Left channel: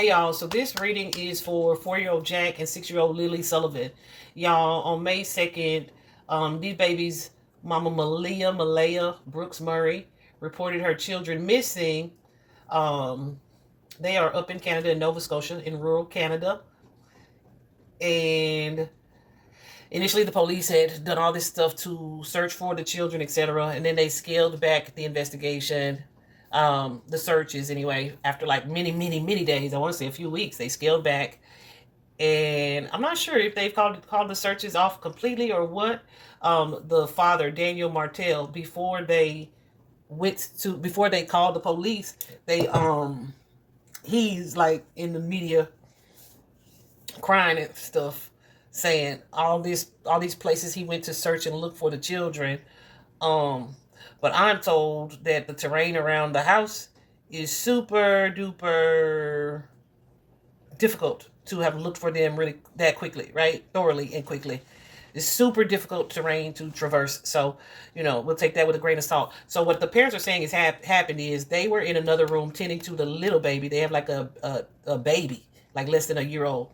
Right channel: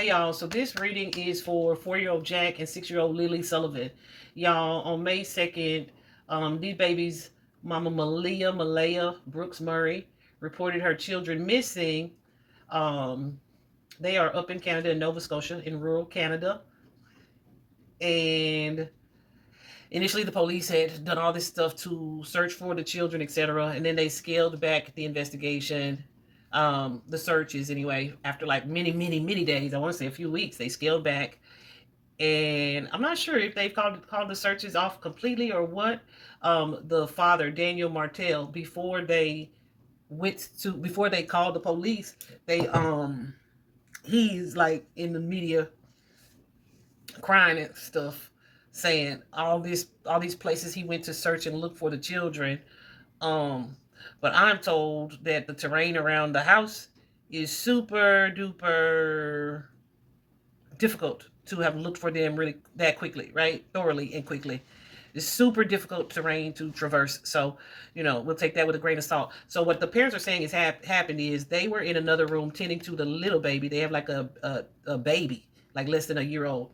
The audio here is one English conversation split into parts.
Hey y'all, so this reading is for 4-year-old Jack and 6-year-old Lilly Sullivan. Y'all, on May 2nd, these babies, Mama Malehya Brooks-Murray, reported her children missing. They are up in Canada, in Nova Scotia, in rural Canada. And initially the police had done all this stuff to search for the children, etc. And then they scaled back the investigation, the searches anyway, after like many days. I want to say a few weeks. They scaled back, and I'm not sure if they've called the searches off completely or what. The father, Daniel Martell, before they called the police, he's like in the media crying and stuff, saying all these places he went to search and look for the children. But I'm told that the terrain around the house is super duper difficult to have looked for them really that quickly, right? Thoroughly and quickly. It's super difficult terrain to traverse. So, we'll take that with a grain of salt. So what the parents are saying is happened is they were in another room tending to the little baby. They have like a baby, like less than a year old.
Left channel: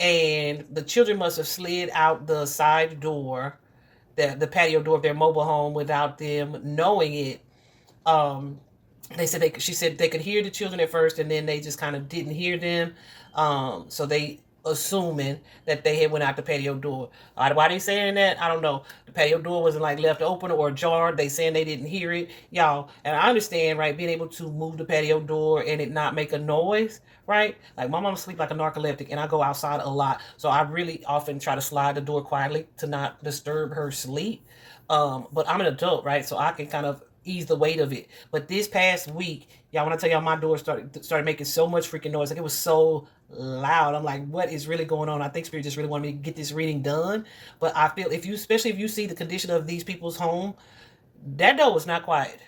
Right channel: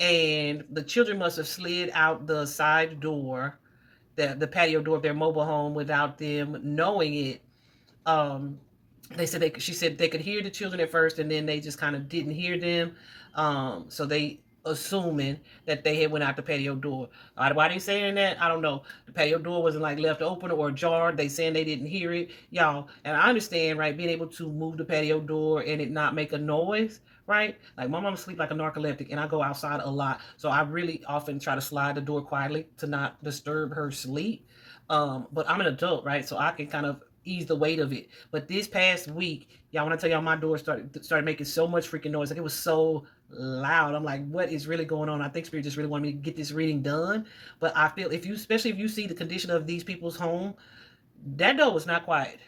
And the children must have slid out the side door, the patio door of their mobile home, without them knowing it. She said they could hear the children at first, and then they just kind of didn't hear them. So they assuming that they had went out the patio door. Why they saying that? I don't know. The patio door wasn't like left open or ajar. They saying they didn't hear it, y'all. And I understand, right, being able to move the patio door and it not make a noise, right? Like my mom sleep like a narcoleptic, and I go outside a lot, so I really often try to slide the door quietly to not disturb her sleep. But I'm an adult, right? So I can kind of ease the weight of it. But this past week, y'all, when I tell y'all my door started making so much freaking noise, like it was so loud. I'm like, what is really going on? I think Spirit just really wanted me to get this reading done. But I feel especially if you see the condition of these people's home, that door was not quiet.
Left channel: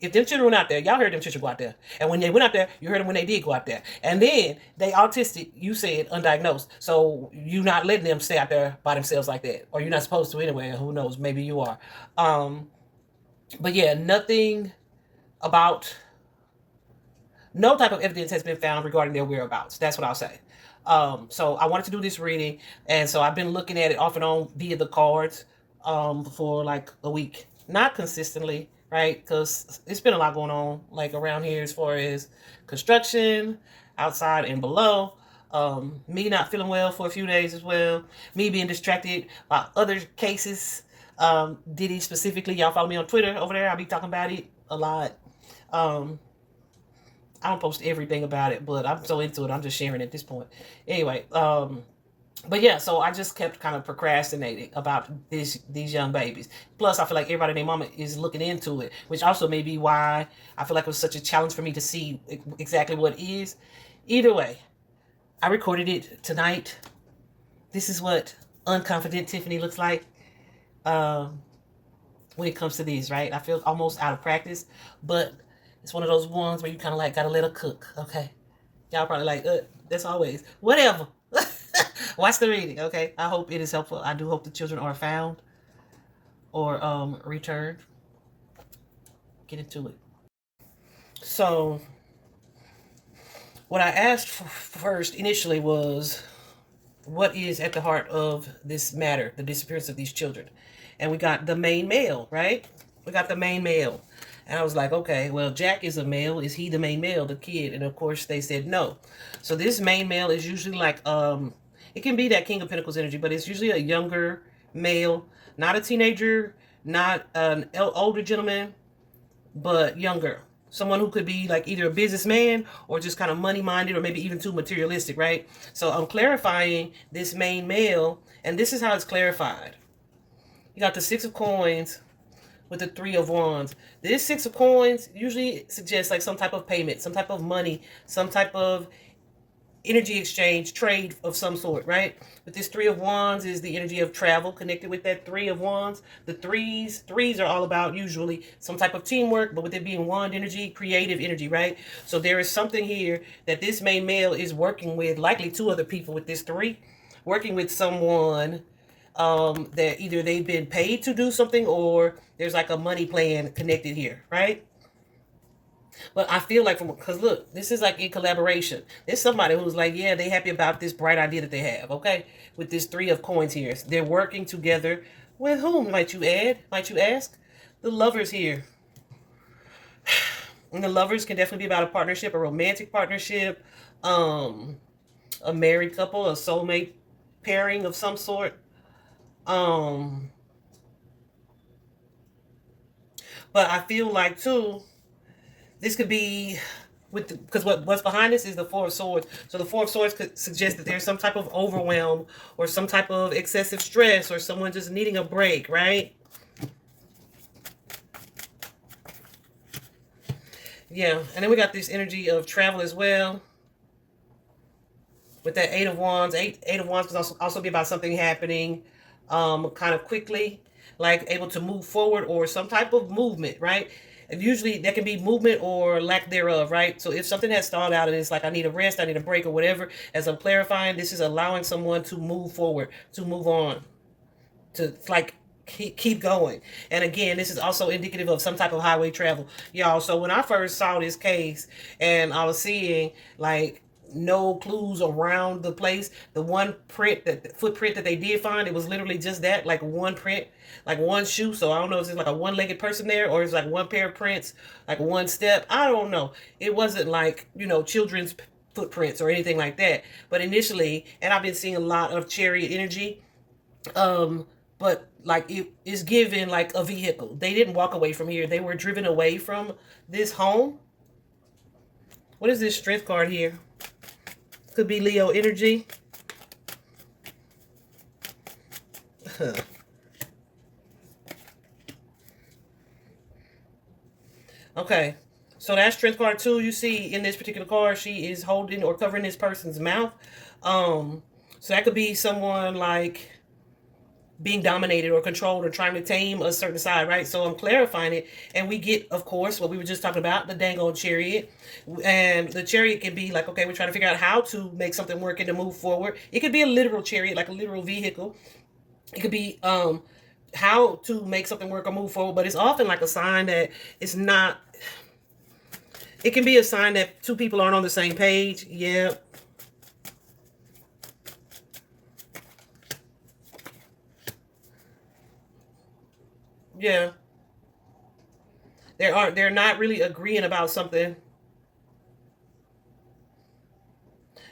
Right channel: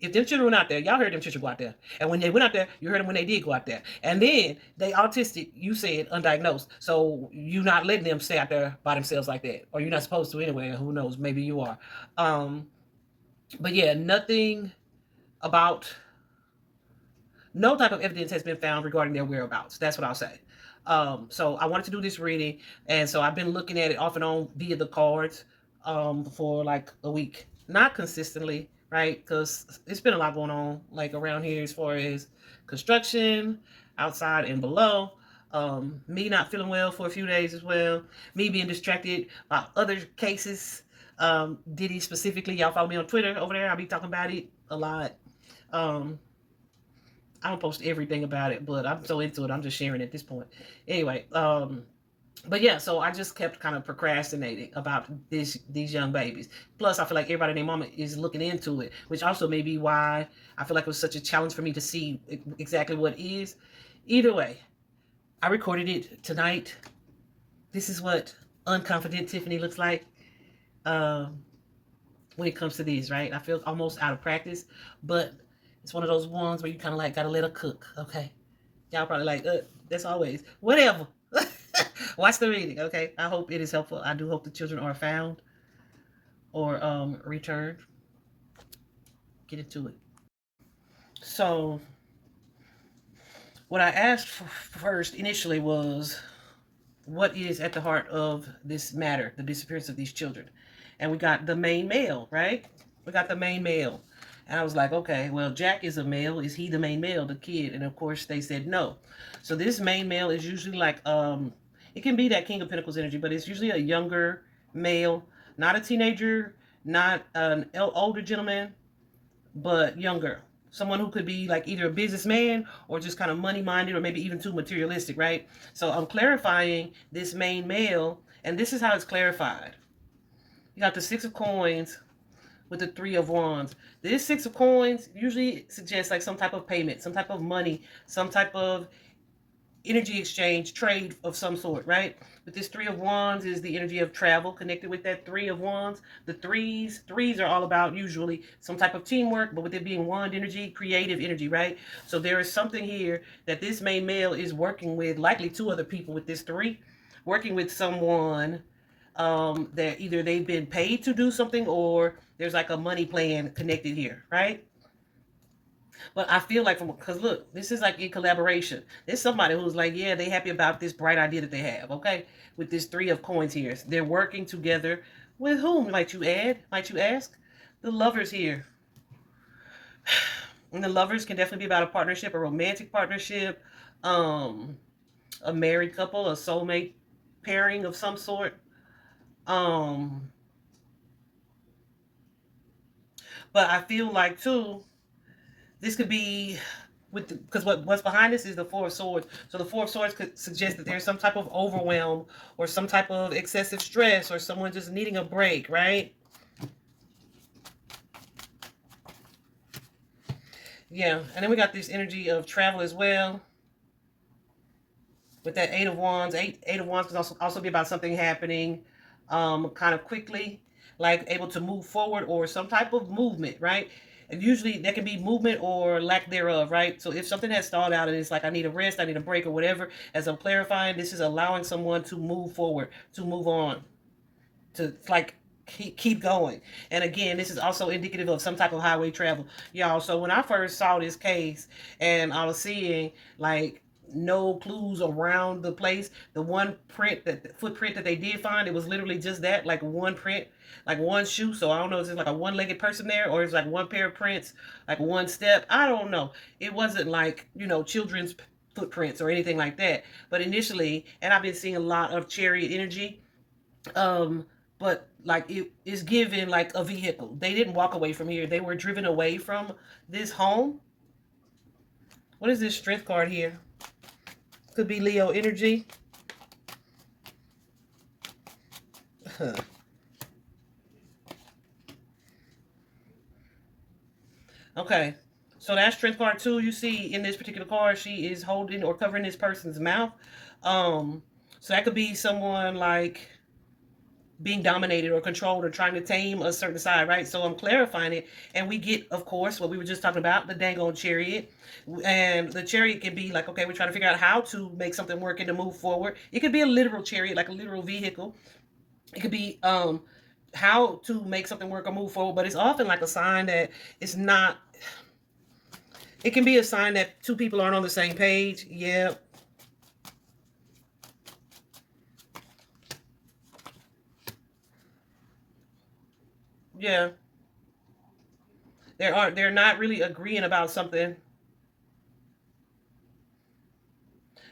If them children went out there, y'all heard them children go out there. And when they went out there, you heard them when they did go out there. And then they autistic, you said undiagnosed. So you not letting them stay out there by themselves like that. Or you're not supposed to anyway. Who knows? Maybe you are. But yeah, no type of evidence has been found regarding their whereabouts. That's what I'll say. So I wanted to do this reading, and so I've been looking at it off and on via the cards for like a week. Not consistently, right? Because it's been a lot going on like around here as far as construction, outside and below. Me not feeling well for a few days as well. Me being distracted by other cases. Diddy specifically, y'all follow me on Twitter over there. I'll be talking about it a lot. I don't post everything about it, but I'm so into it, I'm just sharing at this point. Anyway, but yeah, so I just kept kind of procrastinating about these young babies. Plus, I feel like everybody and their mama is looking into it, which also may be why I feel like it was such a challenge for me to see exactly what it is. Either way, I recorded it tonight. This is what unconfident Tiffany looks like when it comes to these, right? I feel almost out of practice, but it's one of those ones where you kind of like gotta let her cook, okay? Y'all probably like, that's always whatever. Watch the reading, okay? I hope it is helpful. I do hope the children are found or returned. Get into it. So what I asked first initially was, what is at the heart of this matter, the disappearance of these children? And we got the main male, right? We got the main male. And I was like, okay, well, Jack is a male. Is he the main male, the kid? And of course they said no. So this main male is usually like, it can be that King of Pentacles energy, but it's usually a younger male, not a teenager, not an older gentleman, but younger. Someone who could be like either a businessman or just kind of money-minded, or maybe even too materialistic, right? So I'm clarifying this main male, and this is how it's clarified. You got the Six of Coins with the Three of Wands. This Six of Coins usually suggests like some type of payment, some type of money, some type of energy exchange, trade of some sort, right? But this Three of Wands is the energy of travel connected with that Three of Wands. The threes are all about usually some type of teamwork, but with it being wand energy, creative energy, right? So there is something here that this main male is working with, likely two other people with this three, working with someone that either they've been paid to do something or there's like a money plan connected here, right? But I feel like because look, this is like in collaboration. There's somebody who's like, yeah, they happy about this bright idea that they have. Okay, with this three of coins here, they're working together with whom? Might you add? Might you ask? The lovers here. And the lovers can definitely be about a partnership, a romantic partnership, um, a married couple, a soulmate pairing of some sort. Um, but I feel like too, this could be with because what's behind this is the Four of Swords. So the Four of Swords could suggest that there's some type of overwhelm or some type of excessive stress or someone just needing a break, right? Yeah, and then we got this energy of travel as well. With that Eight of Wands, Eight of Wands can also be about something happening kind of quickly, like able to move forward or some type of movement, right? And usually there can be movement or lack thereof, right? So if something has stalled out and it's like, I need a rest, I need a break or whatever, as I'm clarifying, this is allowing someone to move forward, to move on, to like keep going. And again, this is also indicative of some type of highway travel, y'all. So when I first saw this case and I was seeing like no clues around the place, the one print, that the footprint that they did find, it was literally just that, like one print, like one shoe. So I don't know if it's like a one-legged person there or it's like one pair of prints, like one step, I don't know. It wasn't like, you know, children's footprints or anything like that. But initially, and I've been seeing a lot of chariot energy, but like it is given like a vehicle. They didn't walk away from here, they were driven away from this home. What is this strength card here? Could be Leo energy. Okay, so that strength card too, you see in this particular card, she is holding or covering this person's mouth. So that could be someone like being dominated or controlled or trying to tame a certain side, right? So I'm clarifying it. And we get, of course, what we were just talking about, the dang old chariot. And the chariot can be like, okay, we're trying to figure out how to make something work and to move forward. It could be a literal chariot, like a literal vehicle. It could be how to make something work or move forward. But it's often like a sign that it's not. It can be a sign that two people aren't on the same page. Yeah. Yeah. They're not really agreeing about something.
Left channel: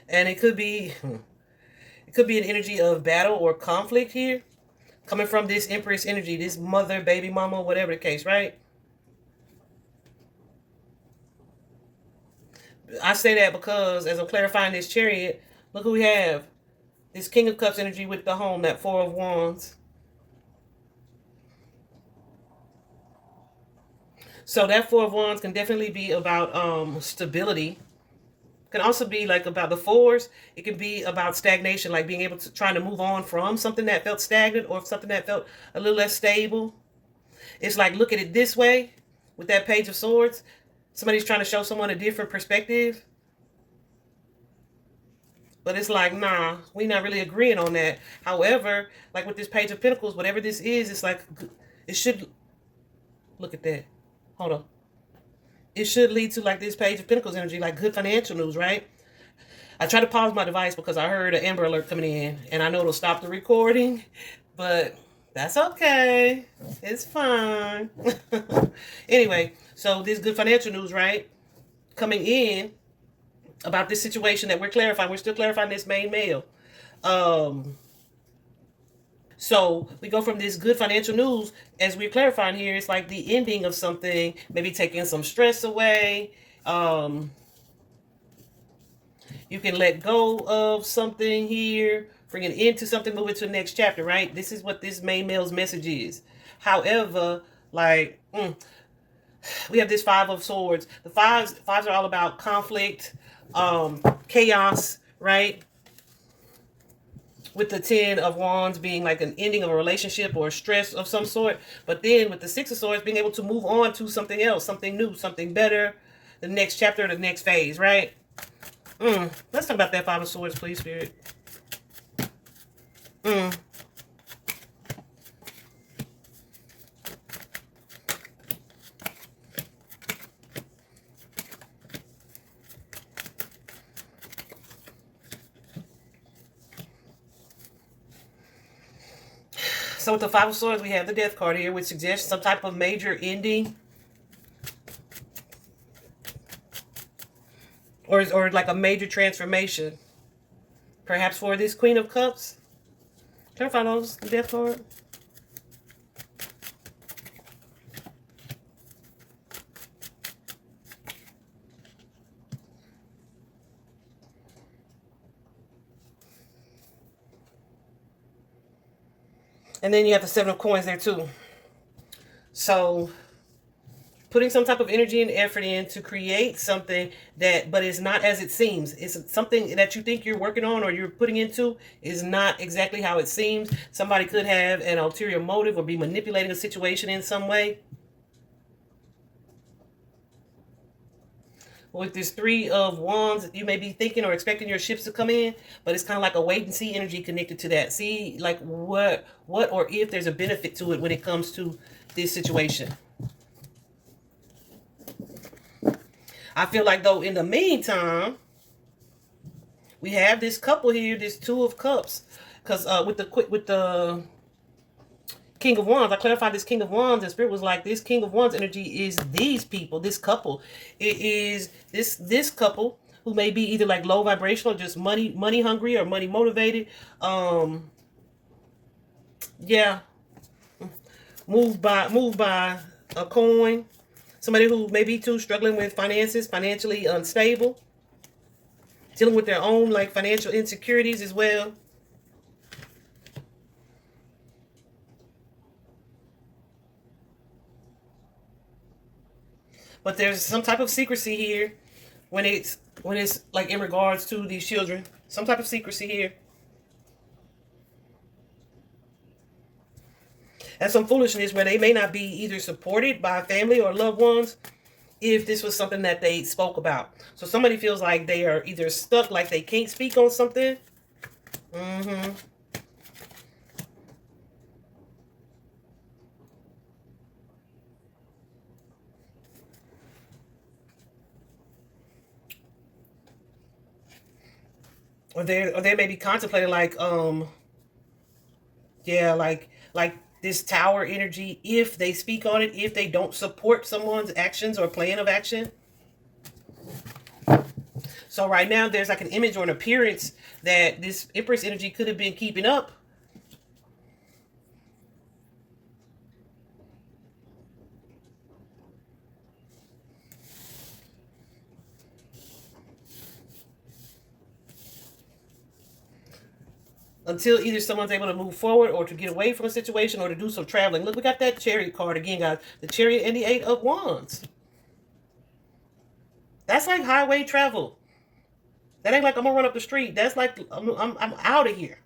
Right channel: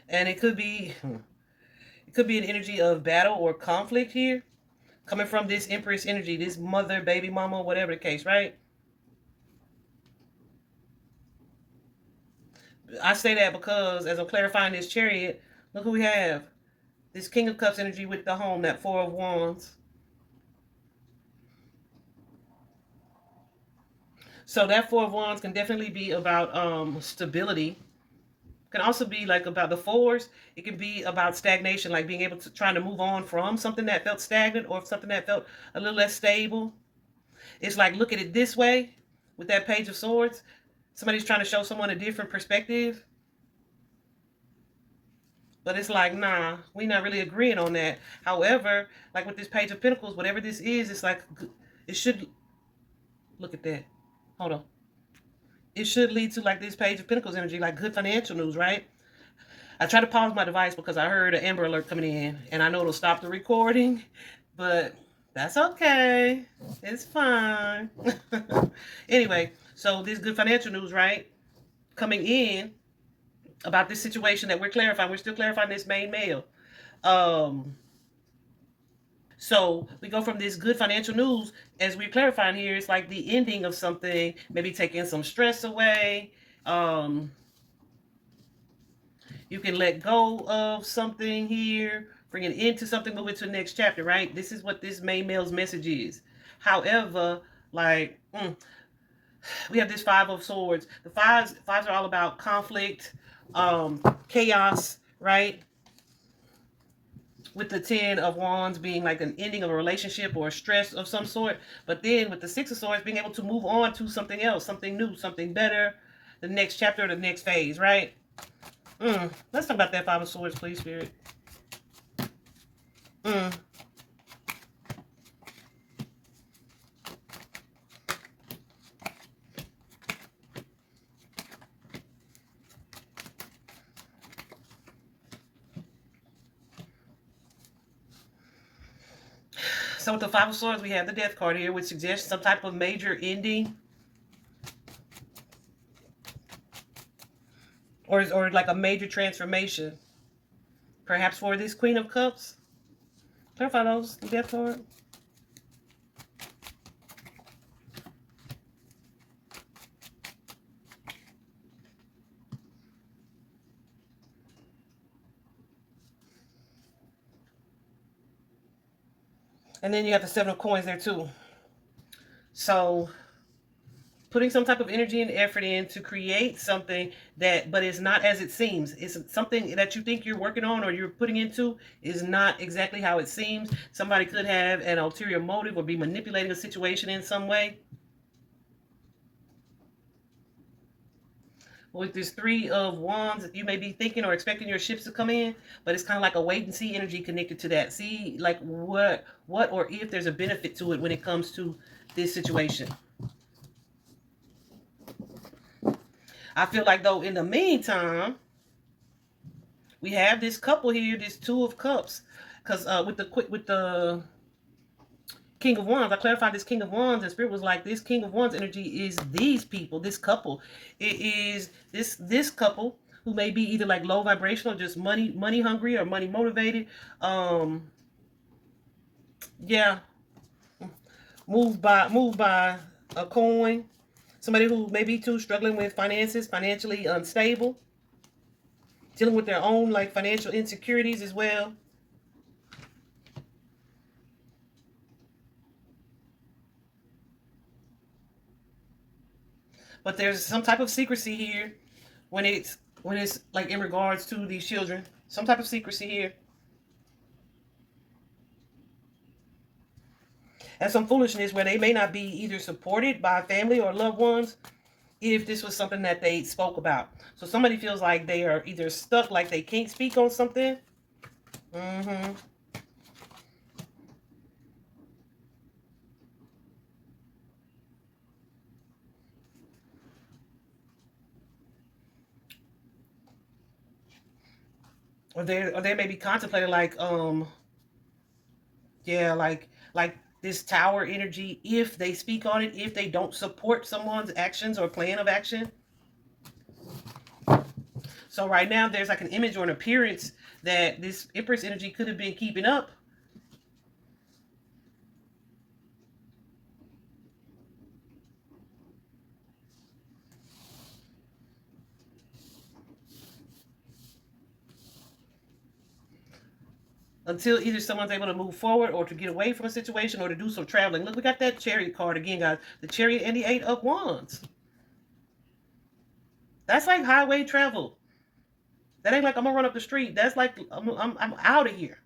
And it could be an energy of battle or conflict here coming from this Empress energy, this mother, baby mama, whatever the case, right? I say that because as I'm clarifying this chariot, look who we have. This King of Cups energy with the home, that Four of Wands. So that Four of Wands can definitely be about stability. Can also be like about the fours. It can be about stagnation, like being able to trying to move on from something that felt stagnant or something that felt a little less stable. It's like look at it this way with that Page of Swords. Somebody's trying to show someone a different perspective. But it's like, nah, we're not really agreeing on that. However, like with this Page of Pentacles, whatever this is, it's like, it should, look at that. Hold on. It should lead to like this Page of Pentacles energy, like good financial news, right? I tried to pause my device because I heard an Amber Alert coming in, and I know it'll stop the recording, but that's okay. It's fine. Anyway, so this good financial news, right? Coming in about this situation that we're clarifying. We're still clarifying this main male. So we go from this good financial news, as we're clarifying here, it's like the ending of something, maybe taking some stress away. You can let go of something here, bring it into something, move it to the next chapter, right? This is what this main male's message is. However, like, we have this Five of Swords. The fives are all about conflict, chaos, right? With the Ten of Wands being like an ending of a relationship or a stress of some sort. But then with the Six of Swords being able to move on to something else, something new, something better, the next chapter, the next phase, right? Let's talk about that Five of Swords, please, Spirit. So with the Five of Swords, we have the Death card here, which suggests some type of major ending. Or like a major transformation. Perhaps for this Queen of Cups. Can I find those? The Death card? And then you have the Seven of Coins there too. So putting some type of energy and effort in to create something that, but it's not as it seems. It's something that you think you're working on or you're putting into is not exactly how it seems. Somebody could have an ulterior motive or be manipulating a situation in some way. With this Three of Wands, you may be thinking or expecting your ships to come in, but it's kind of like a wait and see energy connected to that. See, like what or if there's a benefit to it when it comes to this situation. I feel like, though, in the meantime, we have this couple here, this Two of Cups, because with the King of Wands, I clarified this King of Wands, and Spirit was like, this King of Wands energy is these people, this couple. It is this couple who may be either like low vibrational, just money hungry or money motivated. Yeah, moved by a coin. Somebody who may be too struggling with finances, financially unstable, dealing with their own like financial insecurities as well. But there's some type of secrecy here when it's like in regards to these children. Some type of secrecy here. And some foolishness where they may not be either supported by family or loved ones if this was something that they spoke about. So somebody feels like they are either stuck, like they can't speak on something. Or they may be contemplating like yeah, like this tower energy, if they speak on it, if they don't support someone's actions or plan of action. So right now there's like an image or an appearance that this Empress energy could have been keeping up. Until either someone's able to move forward or to get away from a situation or to do some traveling. Look, we got that Chariot card again, guys. The Chariot and the Eight of Wands. That's like highway travel. That ain't like I'm going to run up the street. That's like I'm out of here.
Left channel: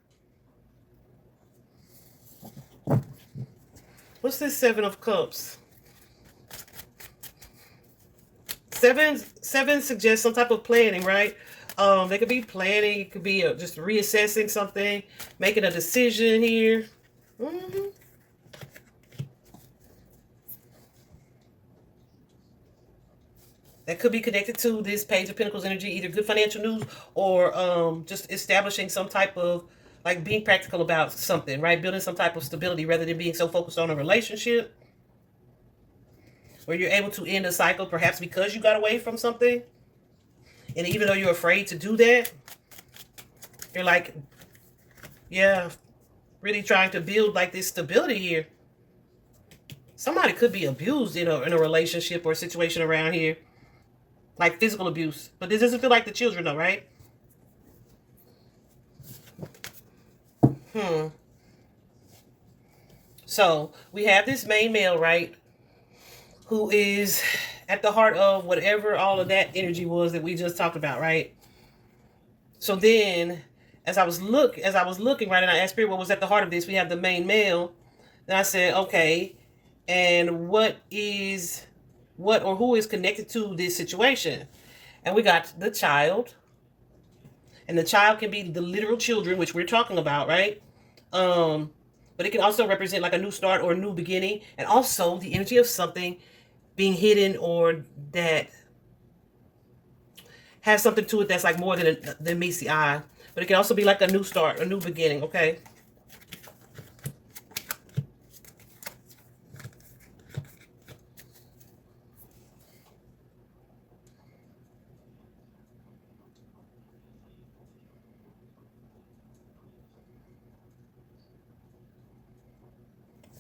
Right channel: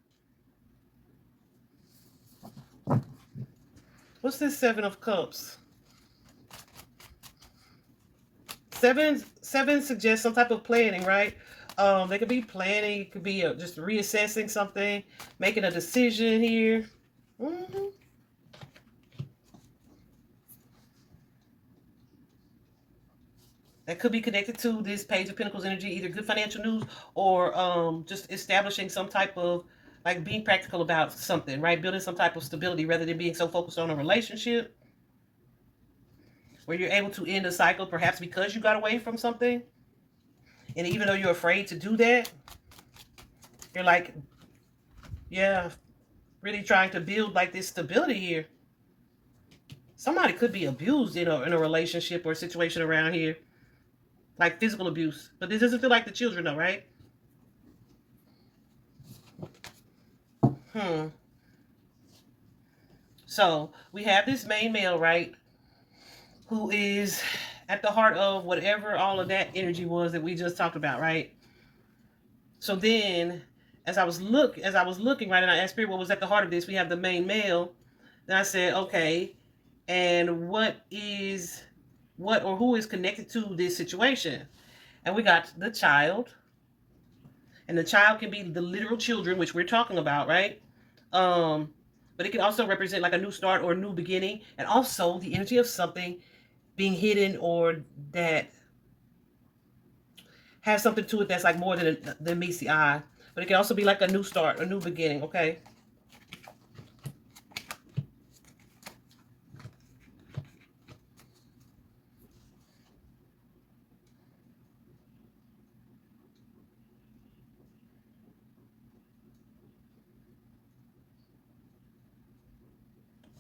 What's this Seven of Cups? Seven suggests some type of planning, right? They could be planning. It could be just reassessing something, making a decision here. That could be connected to this Page of Pentacles energy, either good financial news or just establishing some type of, like being practical about something, right? Building some type of stability rather than being so focused on a relationship. Where you're able to end a cycle, perhaps because you got away from something. And even though you're afraid to do that, you're like, yeah, really trying to build like this stability here. Somebody could be abused in a relationship or situation around here. Like physical abuse. But this doesn't feel like the children though, right? So we have this main male, right? Who is at the heart of whatever all of that energy was that we just talked about, right? So then, as I was looking, right, and I asked Spirit what was at the heart of this, we have the main male. Then I said, okay, and who is connected to this situation? And we got the child. And the child can be the literal children, which we're talking about, right? But it can also represent like a new start or a new beginning. And also the energy of something being hidden or that has something to it that's like more than meets the eye. But it can also be like a new start, a new beginning, okay?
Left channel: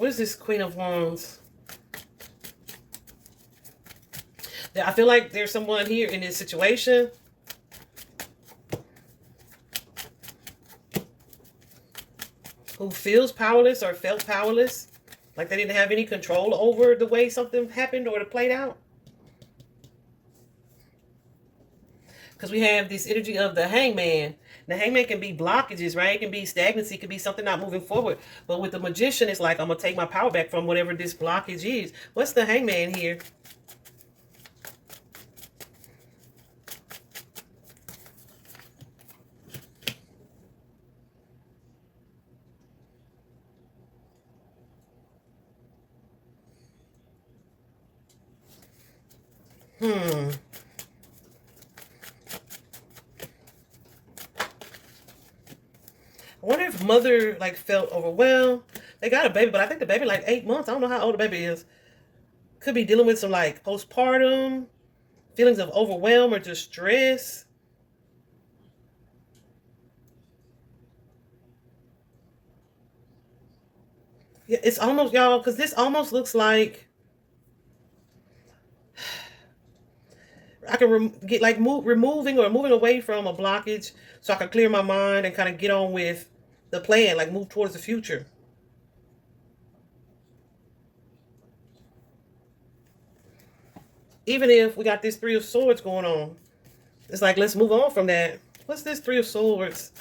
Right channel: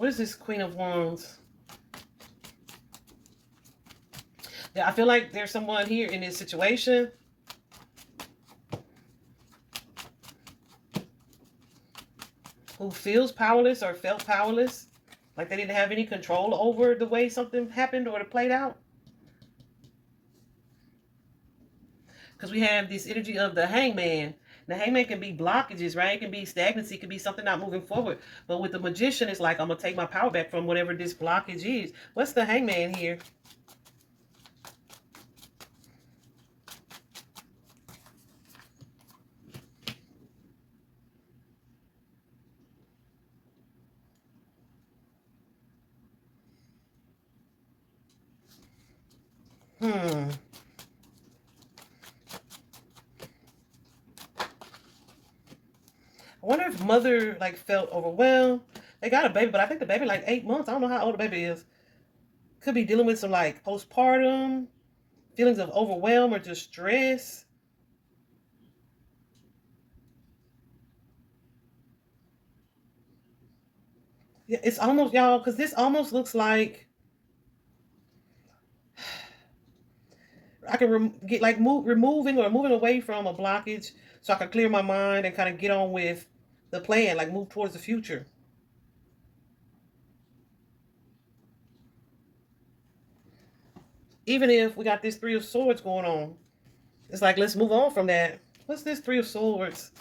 What is this Queen of Wands? I feel like there's someone here in this situation who feels powerless or felt powerless. Like they didn't have any control over the way something happened or it played out. Because we have this energy of the Hangman. The Hangman can be blockages, right? It can be stagnancy. It can be something not moving forward. But with the Magician, it's like, I'm going to take my power back from whatever this blockage is. What's the Hangman here? I wonder if mother like felt overwhelmed. They got a baby, but I think the baby like 8 months. I don't know how old the baby is. Could be dealing with some like postpartum, feelings of overwhelm or distress. Yeah, it's almost, y'all, because this almost looks like I can get like removing or moving away from a blockage so I can clear my mind and kind of get on with the plan, like move towards the future. Even if we got this Three of Swords going on, it's like, let's move on from that. What's this Three of Swords?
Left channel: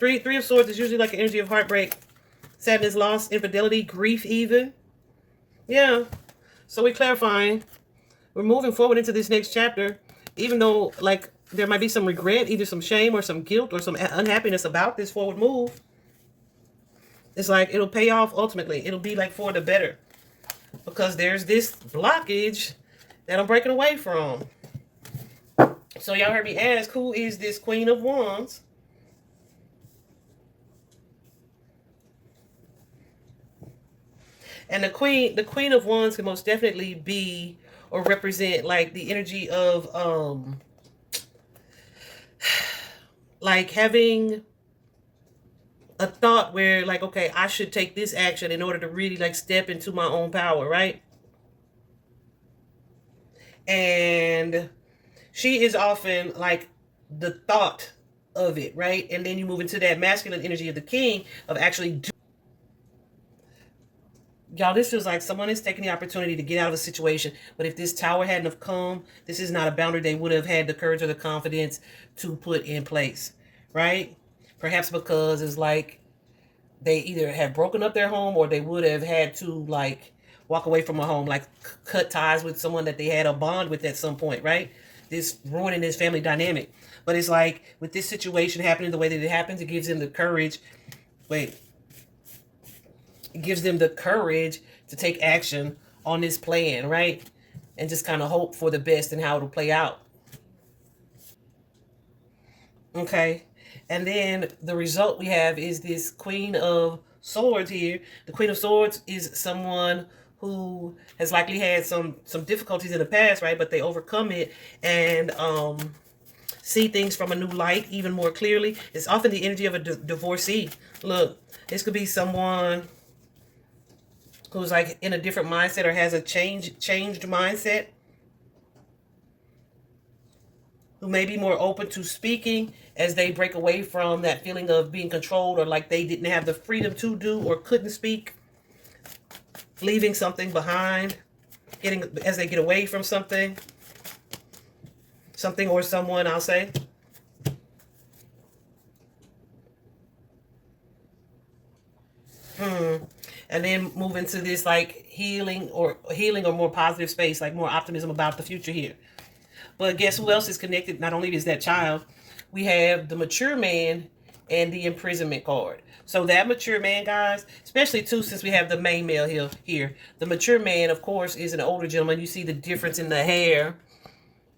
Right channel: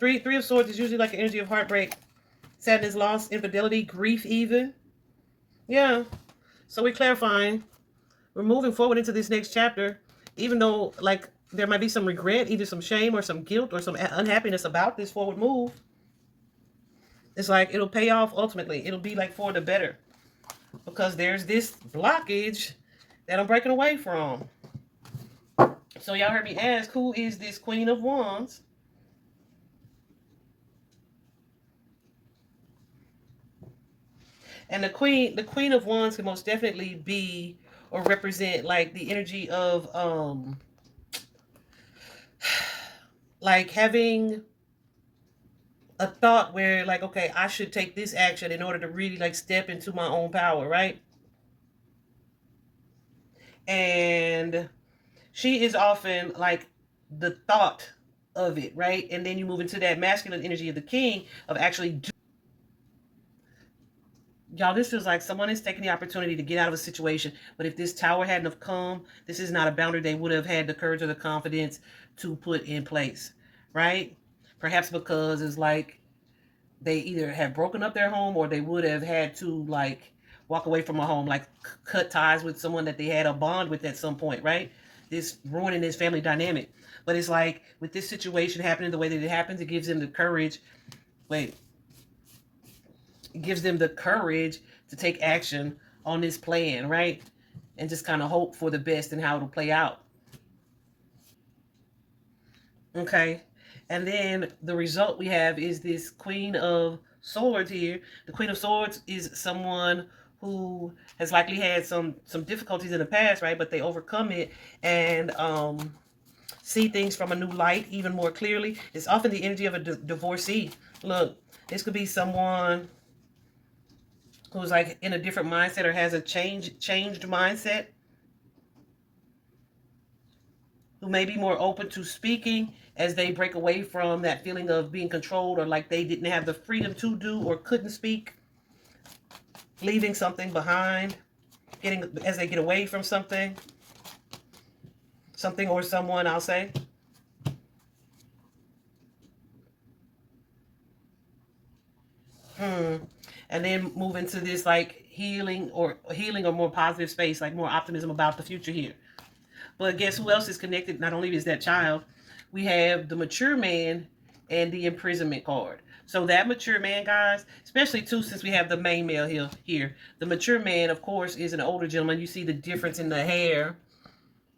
Three of Swords is usually like an energy of heartbreak, sadness, loss, infidelity, grief even. Yeah. So we're clarifying. We're moving forward into this next chapter, even though like there might be some regret, either some shame or some guilt or some unhappiness about this forward move. It's like it'll pay off ultimately. It'll be like for the better. Because there's this blockage that I'm breaking away from. So y'all heard me ask, who is this Queen of Wands? And the Queen of Wands can most definitely be or represent like the energy of like having a thought where like, okay, I should take this action in order to really like step into my own power, right? And she is often like the thought of it, right? And then you move into that masculine energy of the king of actually y'all, this feels like someone is taking the opportunity to get out of a situation. But if this tower hadn't have come, this is not a boundary they would have had the courage or the confidence to put in place, right? Perhaps because it's like they either have broken up their home or they would have had to like walk away from a home, like cut ties with someone that they had a bond with at some point, right? This ruining this family dynamic. But it's like with this situation happening the way that it happens, it gives them the courage. It gives them the courage to take action on this plan, right? And just kind of hope for the best and how it'll play out. Okay. And then the result we have is this Queen of Swords here. The Queen of Swords is someone who has likely had some difficulties in the past, right? But they overcome it and see things from a new light even more clearly. It's often the energy of a divorcee. Look, this could be someone who's like in a different mindset or has a changed mindset, who may be more open to speaking as they break away from that feeling of being controlled or like they didn't have the freedom to do or couldn't speak, leaving something behind, as they get away from something or someone, I'll say. And then move into this like healing or more positive space, like more optimism about the future here. But guess who else is connected? Not only is that child, we have the mature man and the imprisonment card. So that mature man, guys, especially too, since we have the main male here. The mature man, of course, is an older gentleman. You see the difference in the hair.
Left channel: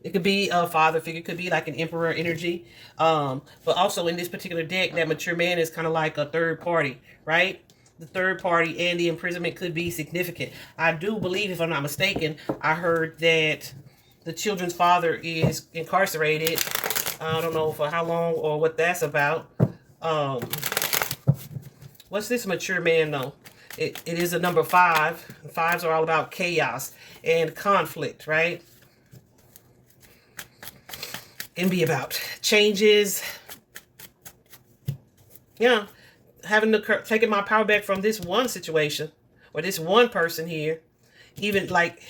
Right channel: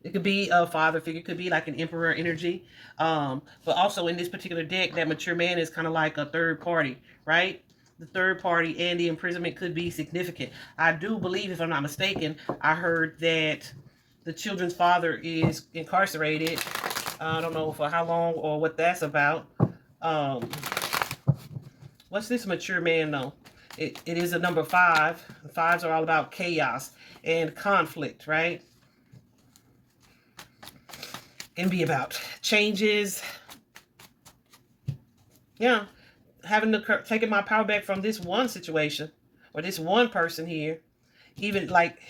It could be a father figure. It could be like an emperor energy. But also in this particular deck, that mature man is kind of like a third party, right? The third party and the imprisonment could be significant. I do believe, if I'm not mistaken, I heard that the children's father is incarcerated. I don't know for how long or what that's about. What's this mature man though? It is a number 5. Fives are all about chaos and conflict, right? Can be about changes. Yeah, having to taking my power back from this one situation or this one person here. Even like,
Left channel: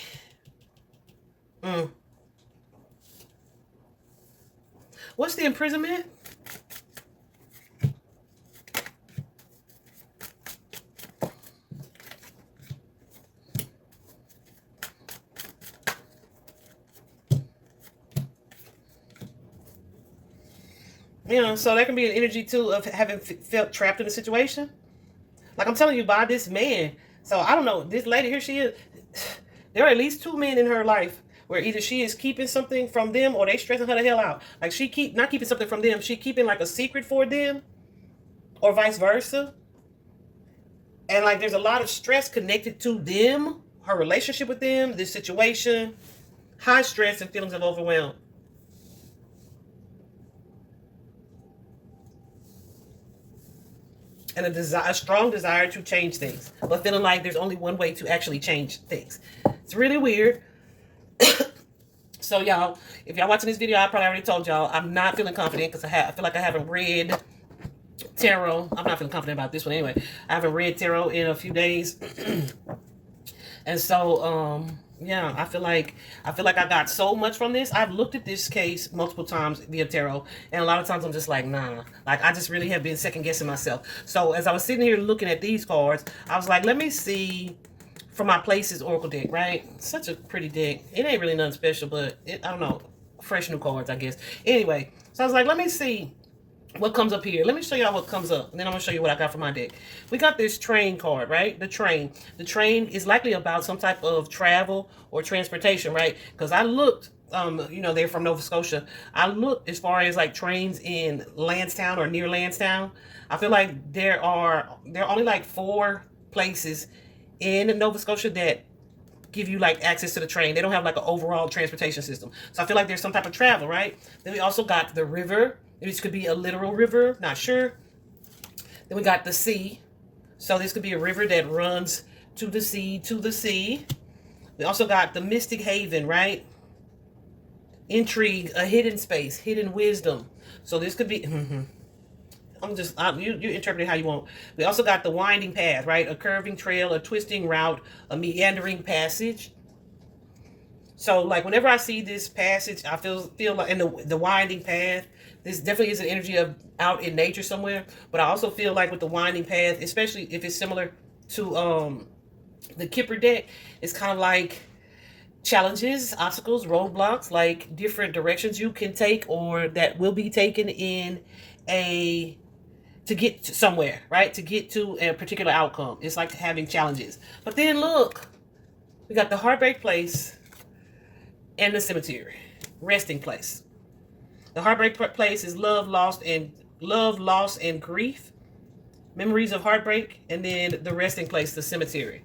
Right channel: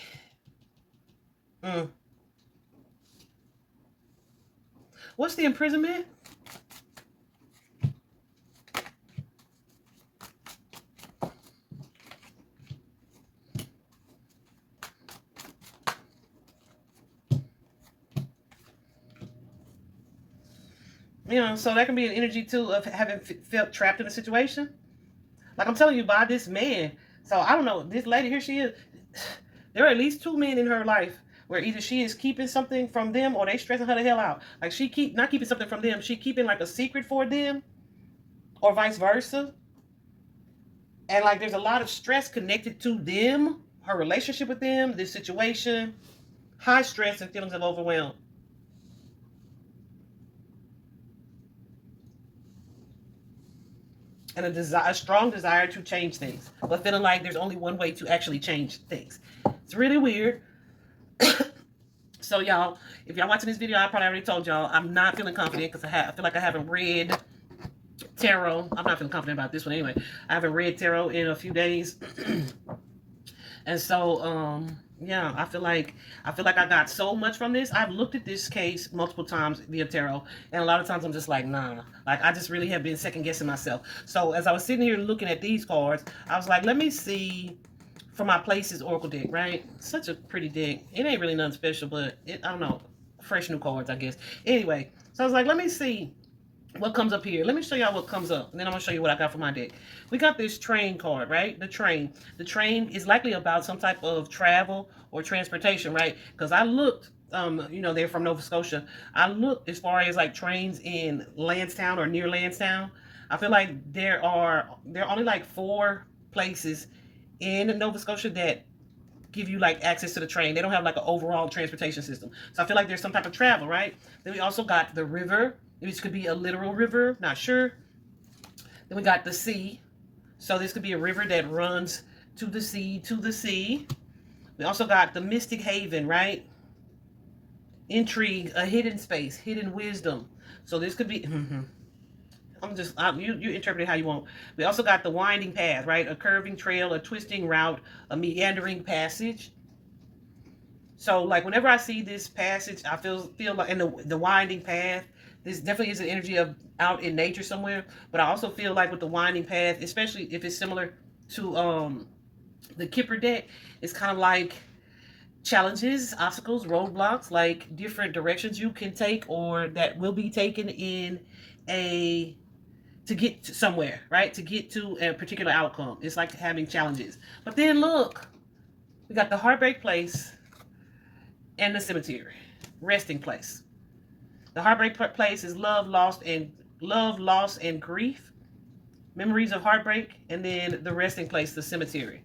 what's the imprisonment? You know, so that can be an energy too of having felt trapped in a situation. Like I'm telling you, by this man. So I don't know, this lady here, she is. There are at least 2 men in her life where either she is keeping something from them or they stressing her the hell out. Like she not keeping something from them, she keeping like a secret for them, or vice versa. And like there's a lot of stress connected to them, her relationship with them, this situation, high stress and feelings of overwhelm. And a strong desire to change things, but feeling like there's only one way to actually change things. It's really weird. So y'all, if y'all watching this video, I probably already told y'all I'm not feeling confident because I feel like I haven't read tarot. I'm not feeling confident about this one anyway. I haven't read tarot in a few days. And so yeah, I feel like I got so much from this. I've looked at this case multiple times via tarot, and a lot of times I'm just like, nah. Like I just really have been second guessing myself. So as I was sitting here looking at these cards, I was like, let me see for my Places Oracle deck, right? Such a pretty deck. It ain't really nothing special, but I don't know, fresh new cards, I guess. Anyway, so I was like, let me see what comes up here. Let me show y'all what comes up, and then I'm gonna show you what I got for my deck. We got this train card, right? The train is likely about some type of travel or transportation, right? Because I looked, you know, they're from Nova Scotia. I looked as far as like trains in Lansdowne or near Lansdowne. I feel like there are only like 4 places in Nova Scotia that give you like access to the train. They don't have like an overall transportation system. So I feel like there's some type of travel, right? Then we also got the river. This could be a literal river, not sure. Then we got the sea. So this could be a river that runs to the sea. We also got the mystic haven, right? Intrigue, a hidden space, hidden wisdom. So this could be, you interpret it how you want. We also got the winding path, right? A curving trail, a twisting route, a meandering passage. So like whenever I see this passage, I feel like in the winding path, this definitely is an energy of out in nature somewhere. But I also feel like with the winding path, especially if it's similar to the Kipper deck, it's kind of like challenges, obstacles, roadblocks, like different directions you can take or that will be taken in to get to somewhere, right? To get to a particular outcome. It's like having challenges. But then look, we got the heartbreak place and the cemetery, resting place. The heartbreak place is love, loss, and grief, memories of heartbreak, and then the resting place, the cemetery.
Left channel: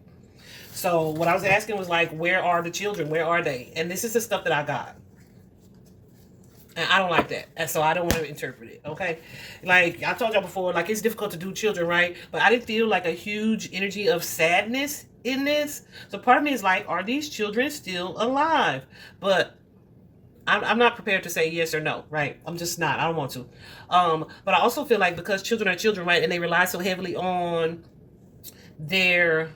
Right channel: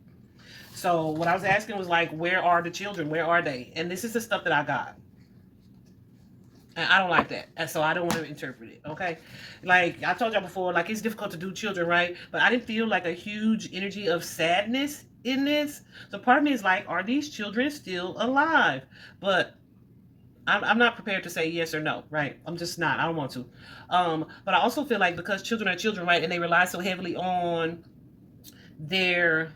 So what I was asking was like, where are the children? Where are they? And this is the stuff that I got. And I don't like that. And so I don't want to interpret it, okay? Like I told y'all before, like it's difficult to do children, right? But I didn't feel like a huge energy of sadness in this. So part of me is like, are these children still alive? But I'm not prepared to say yes or no, right? I'm just not. I don't want to. But I also feel like because children are children, right? And they rely so heavily on their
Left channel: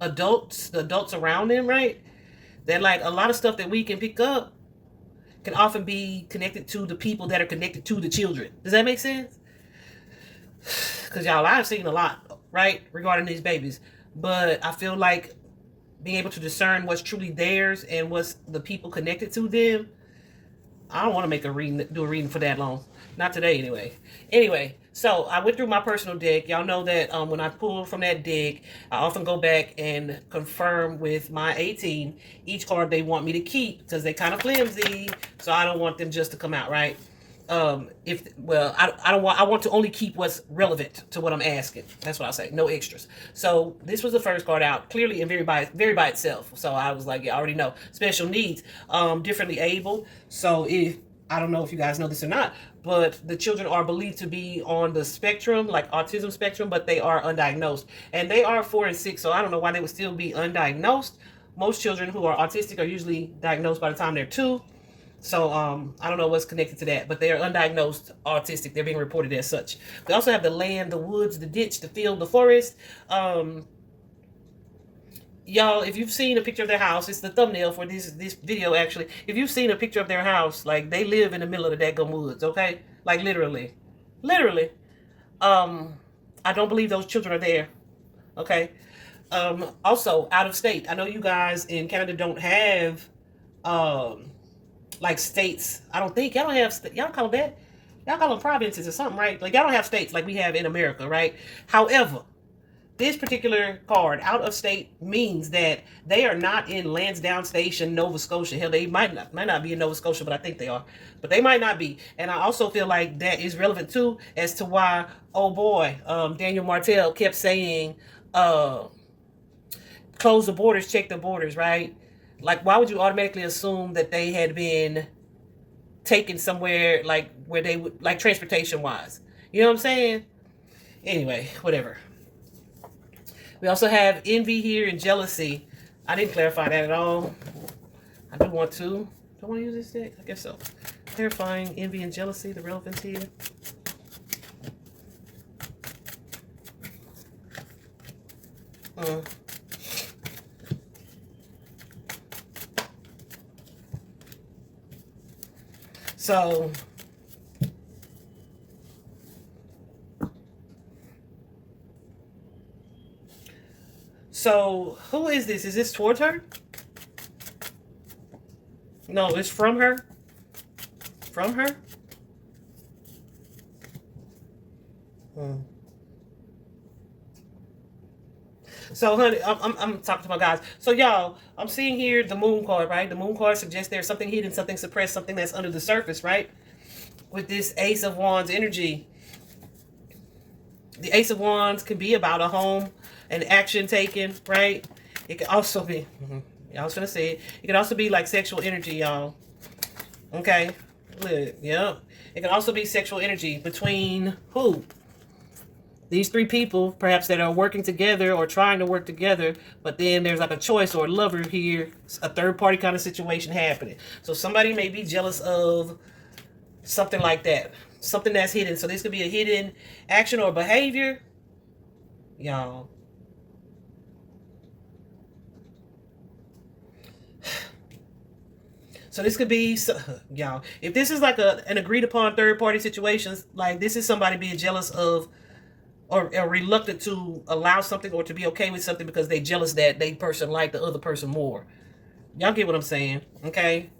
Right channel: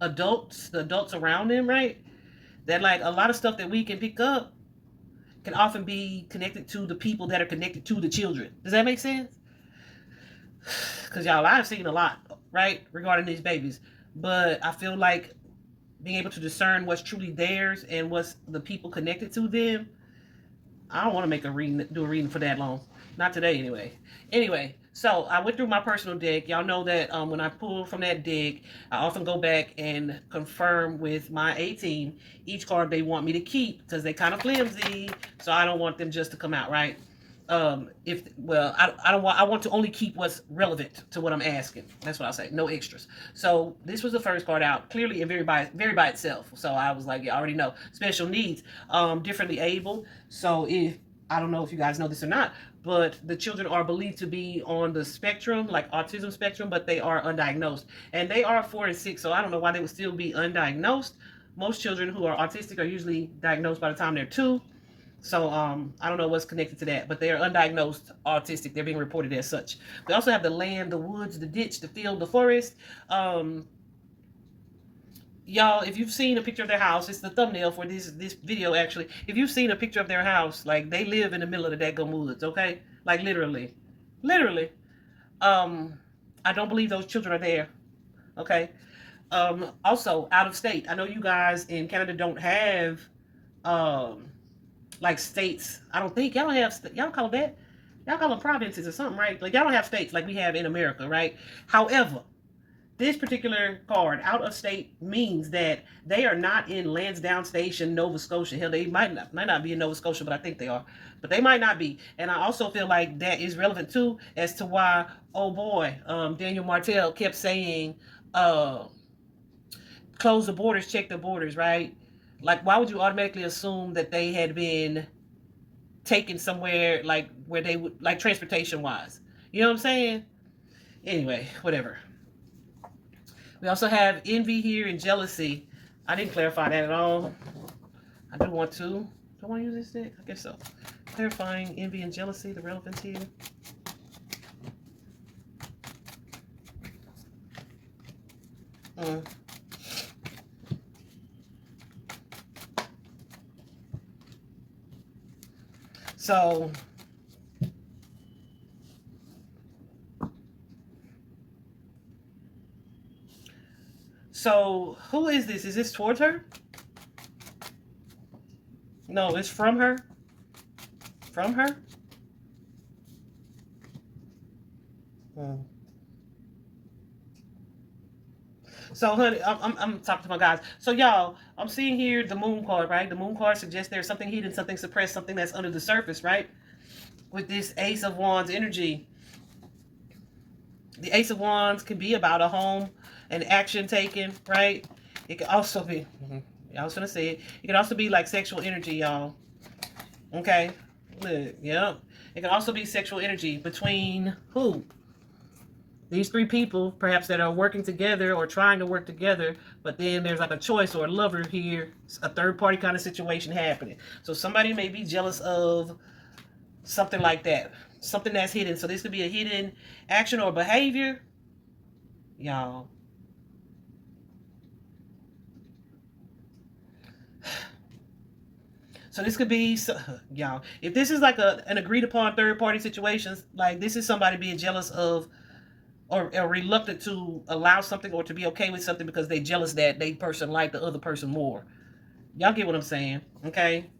adults, the adults around them, right? That like a lot of stuff that we can pick up can often be connected to the people that are connected to the children. Does that make sense? Because y'all, I've seen a lot, right? Regarding these babies. But I feel like being able to discern what's truly theirs and what's the people connected to them, I don't want to do a reading for that long. Not today, anyway. Anyway, so I went through my personal deck. Y'all know that when I pull from that deck, I often go back and confirm with my A-team each card they want me to keep because they're kind of flimsy. So I don't want them just to come out, right? I want to only keep what's relevant to what I'm asking. That's what I say. No extras. So this was the first card out, clearly and very by itself. So I was like, yeah, I already know. Special needs, differently able. So if I don't know if you guys know this or not, but the children are believed to be on the spectrum, like autism spectrum, but they are undiagnosed. And they are 4 and 6, so I don't know why they would still be undiagnosed. Most children who are autistic are usually diagnosed by the time they're 2. So I don't know what's connected to that, but they are undiagnosed autistic. They're being reported as such. We also have the land, the woods, the ditch, the field, the forest. Y'all, if you've seen a picture of their house, it's the thumbnail for this video actually. If you've seen a picture of their house, like they live in the middle of the daggone woods, okay? Like literally. Literally. I don't believe those children are there. Okay. Also out of state. I know you guys in Canada don't have like states. I don't think y'all don't have y'all call them that. Y'all call them provinces or something, right? Like y'all don't have states like we have in America, right? However, this particular card, out of state, means that they are not in Lansdowne Station, Nova Scotia. Hell, they might not be in Nova Scotia, but I think they are. But they might not be. And I also feel like that is relevant too as to why, oh boy, Daniel Martell kept saying, close the borders, check the borders, right? Like, why would you automatically assume that they had been taken somewhere like where they would, like transportation wise? You know what I'm saying? Anyway, whatever. We also have envy here and jealousy. I didn't clarify that at all. I do want to. Do I want to use this deck? I guess so. Clarifying envy and jealousy, the relevance here. So who is this? Is this towards her? No, it's from her. From her? So, honey, I'm talking to my guys. So, y'all, I'm seeing here the moon card, right? The moon card suggests there's something hidden, something suppressed, something that's under the surface, right? With this Ace of Wands energy. The Ace of Wands can be about a home, an action taken, right? It can also be, I was going to say it. It can also be like sexual energy, y'all. Okay? Look, yep. It can also be sexual energy between who? These 3 people, perhaps, that are working together or trying to work together, but then there's like a choice or a lover here, a third-party kind of situation happening. So somebody may be jealous of something like that, something that's hidden. So this could be a hidden action or behavior, y'all. So this could be, y'all, if this is like an agreed upon third-party situation, like this is somebody being jealous of or reluctant to allow something or to be okay with something because they jealous that they person like the other person more. Y'all get what I'm saying, okay?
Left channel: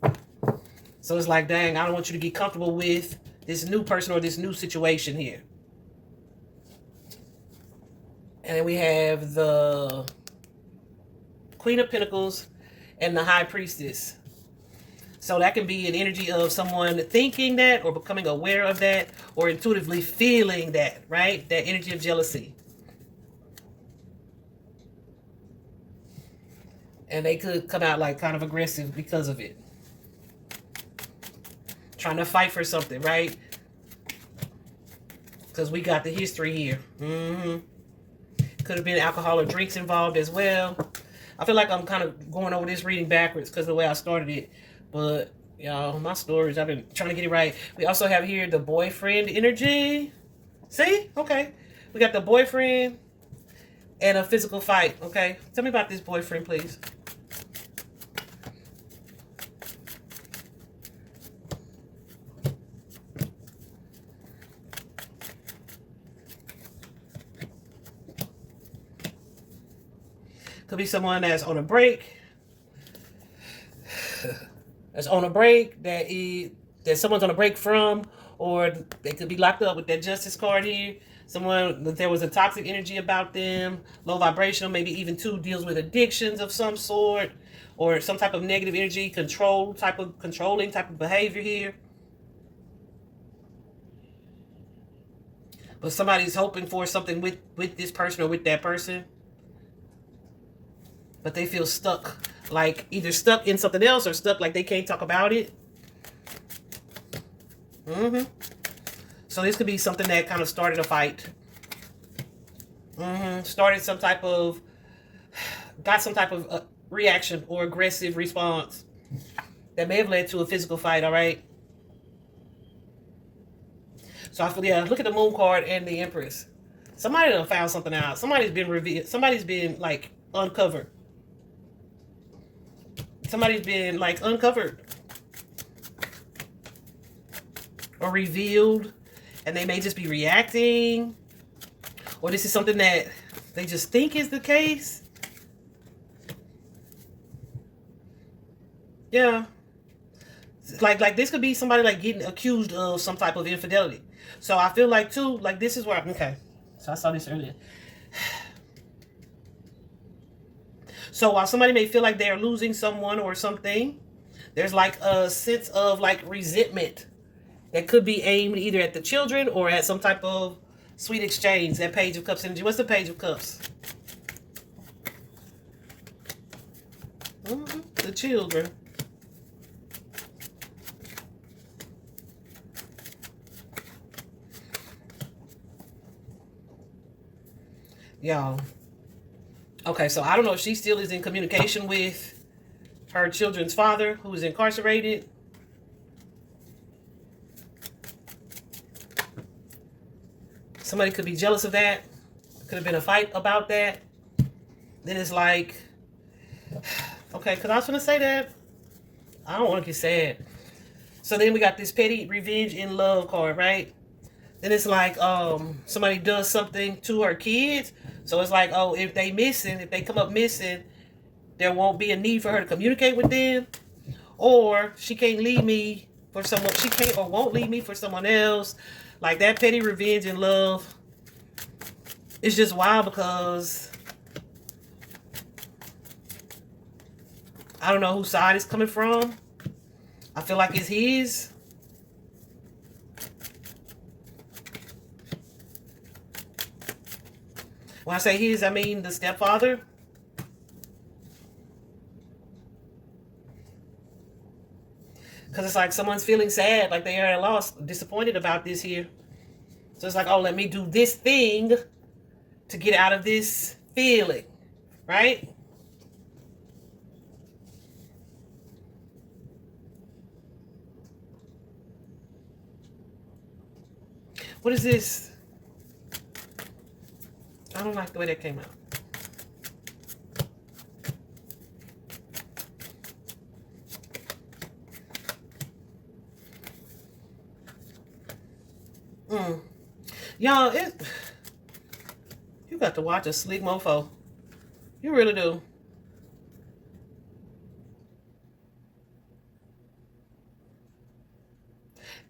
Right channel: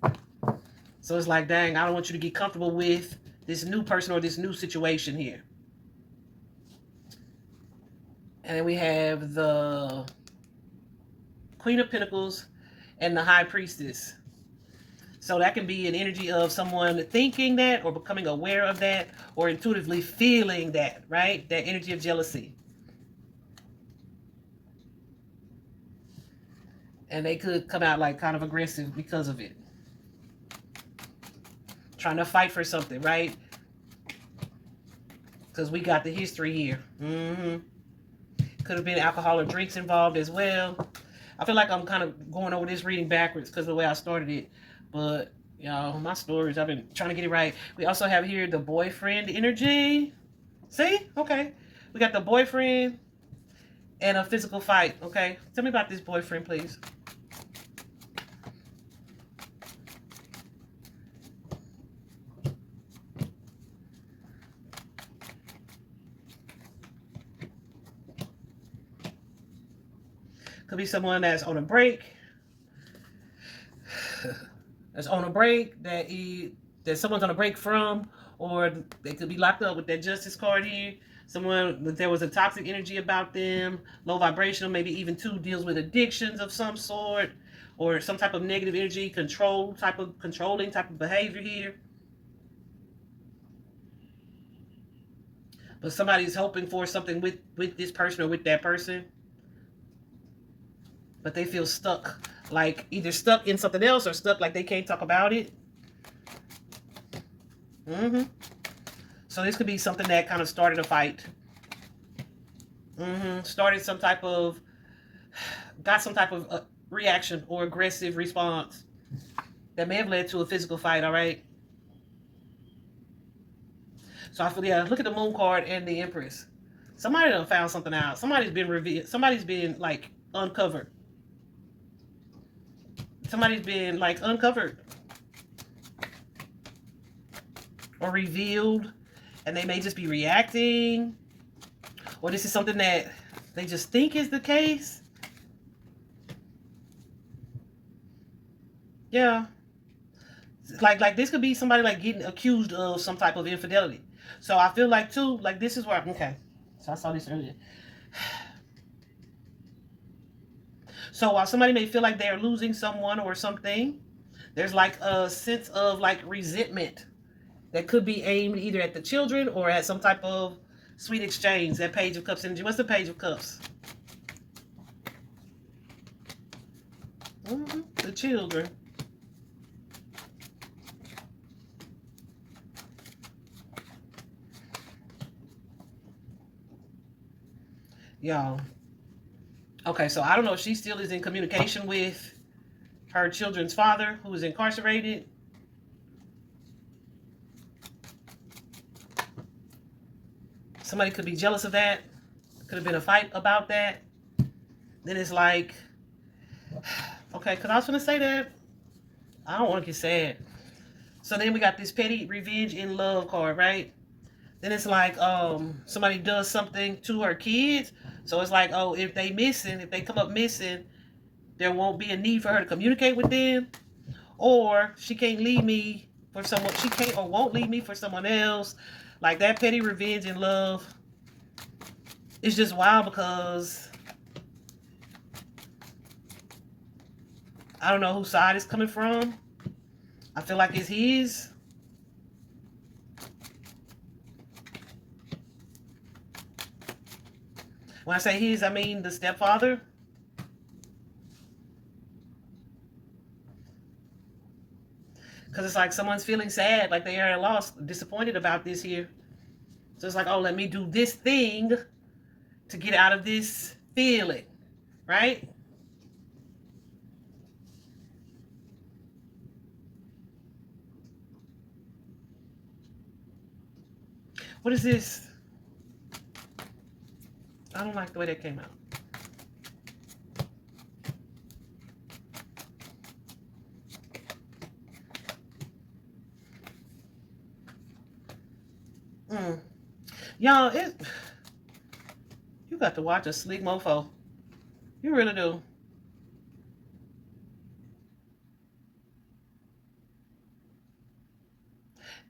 So it's like, dang, I don't want you to get comfortable with this new person or this new situation here. And then we have the Queen of Pentacles and the High Priestess. So that can be an energy of someone thinking that or becoming aware of that or intuitively feeling that, right? That energy of jealousy. And they could come out like kind of aggressive because of it. Trying to fight for something, right? Because we got the history here. Could have been alcohol or drinks involved as well. I feel like I'm kind of going over this reading backwards because of the way I started it. But, y'all, my stories, I've been trying to get it right. We also have here the boyfriend energy. See? Okay. We got the boyfriend and a physical fight. Okay. Tell me about this boyfriend, please. Could be someone that's on a break. That's on a break, that someone's on a break from, or they could be locked up with that justice card here. Someone that there was a toxic energy about them, low vibrational, maybe even too deals with addictions of some sort, or some type of negative energy, controlling type of behavior here. But somebody's hoping for something with this person or with that person, but they feel stuck. Like either stuck in something else or stuck like they can't talk about it. So this could be something that kind of started a fight. Started some type of, got some type of reaction or aggressive response that may have led to a physical fight, all right? So I feel, yeah, look at the Moon card and the Empress. Somebody done found something out. Somebody's been revealed. Somebody's been, like, uncovered. Somebody's been, like, uncovered. Or revealed. And they may just be reacting. Or this is something that they just think is the case. Yeah. Like this could be somebody, like, getting accused of some type of infidelity. So I feel like, too, like, this is where, okay. So I saw this earlier. So while somebody may feel like they're losing someone or something, there's, like, a sense of, like, resentment that could be aimed either at the children or at some type of sweet exchange. That Page of Cups energy. What's the Page of Cups? The children. Y'all. Okay, so I don't know if she still is in communication with her children's father, who is incarcerated. Somebody could be jealous of that. Could have been a fight about that. Then it's like, okay, because I was going to say that. I don't want to get sad. So then we got this petty revenge in love card, right? Then it's like somebody does something to her kids. So it's like, oh, if they come up missing, there won't be a need for her to communicate with them. Or she can't leave me for someone. She can't or won't leave me for someone else. Like that petty revenge in love. It's just wild because I don't know whose side it's coming from. I feel like it's his. When I say his, I mean the stepfather. Because it's like someone's feeling sad, like they are lost, disappointed about this here. So it's like, oh, let me do this thing to get out of this feeling, right? What is this? I don't like the way that came out. Y'all, you got to watch a slick mofo. You really do.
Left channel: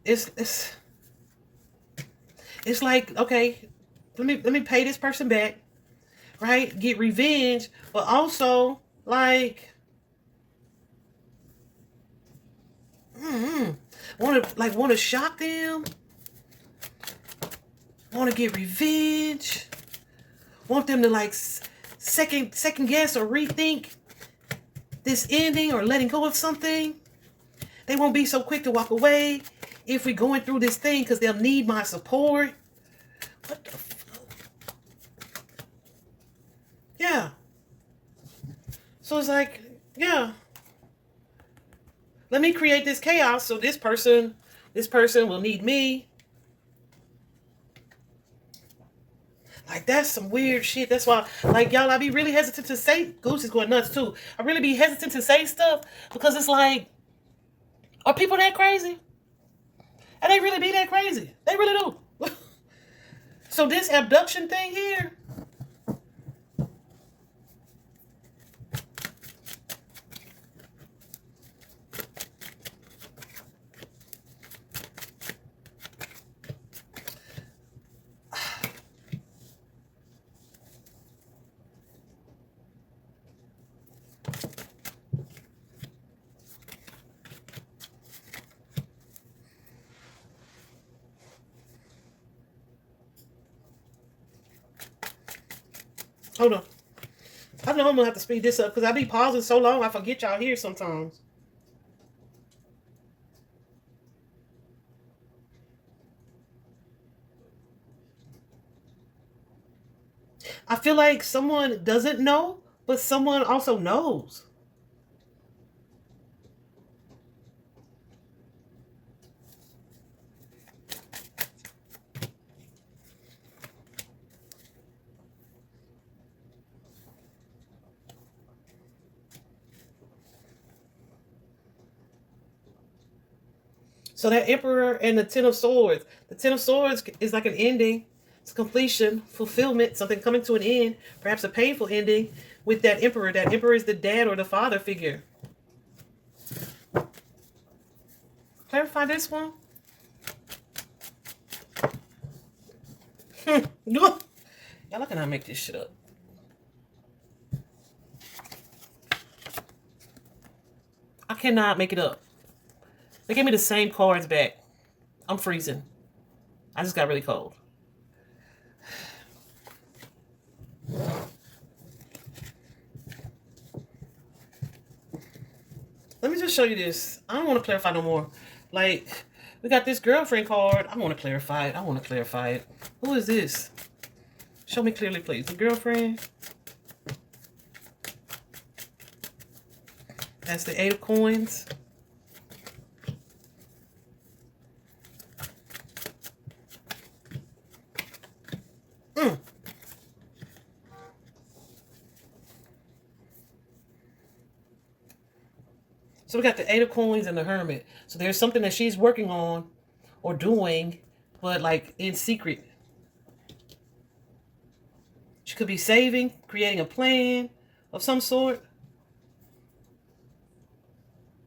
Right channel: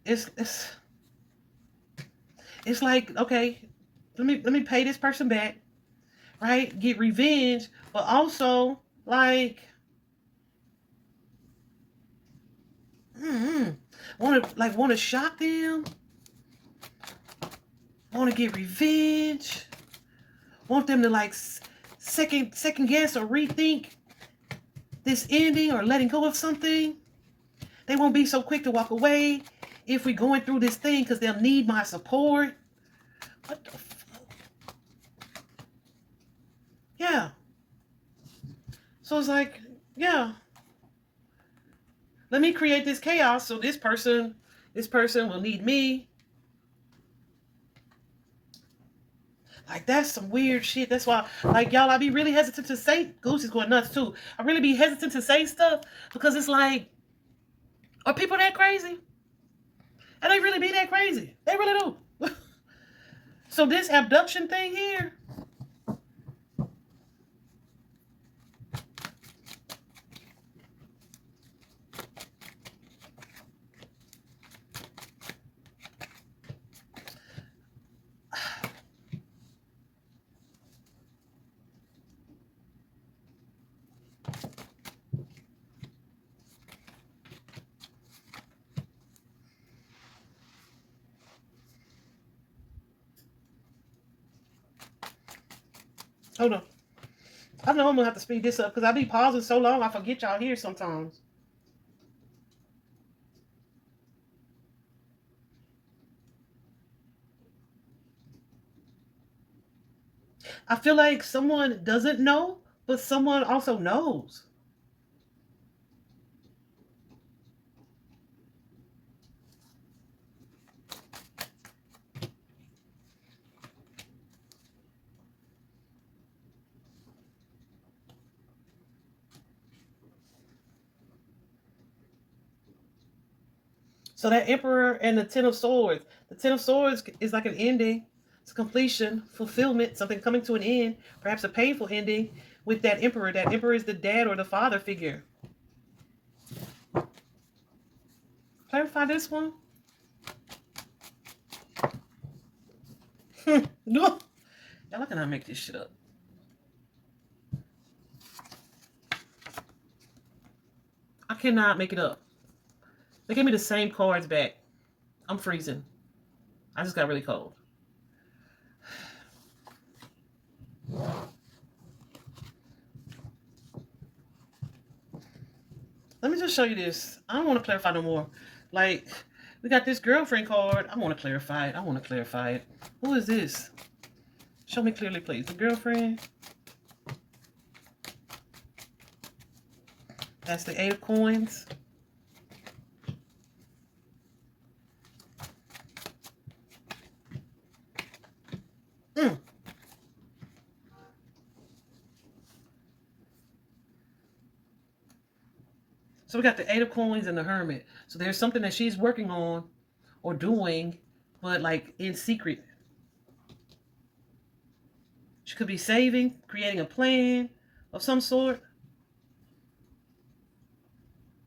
It's like, okay, let me pay this person back, right? Get revenge, but also like want to shock them, want to get revenge, want them to like second guess or rethink this ending or letting go of something. They won't be so quick to walk away if we're going through this thing because they'll need my support. What the fuck? Yeah. So it's like, yeah. Let me create this chaos so this person will need me. Like, that's some weird shit. That's why, like, y'all, I be really hesitant to say, Goose is going nuts too. I really be hesitant to say stuff because it's like, are people that crazy? And they really be that crazy. They really do. So this abduction thing here, hold on. I know I'm gonna have to speed this up because I be pausing so long I forget y'all here sometimes. I feel like someone doesn't know, but someone also knows. So that Emperor and the Ten of Swords. The Ten of Swords is like an ending. It's completion, fulfillment, something coming to an end, perhaps a painful ending with that Emperor. That Emperor is the dad or the father figure. Clarify this one. Y'all cannot make this shit up. I cannot make it up. They gave me the same cards back. I'm freezing. I just got really cold. Let me just show you this. I don't want to clarify no more. Like, we got this girlfriend card. I want to clarify it. I want to clarify it. Who is this? Show me clearly, please. The girlfriend. That's the 8 of Coins. So we got the 8 of Coins and the Hermit. So there's something that she's working on or doing, but like in secret. She could be saving, creating a plan of some sort.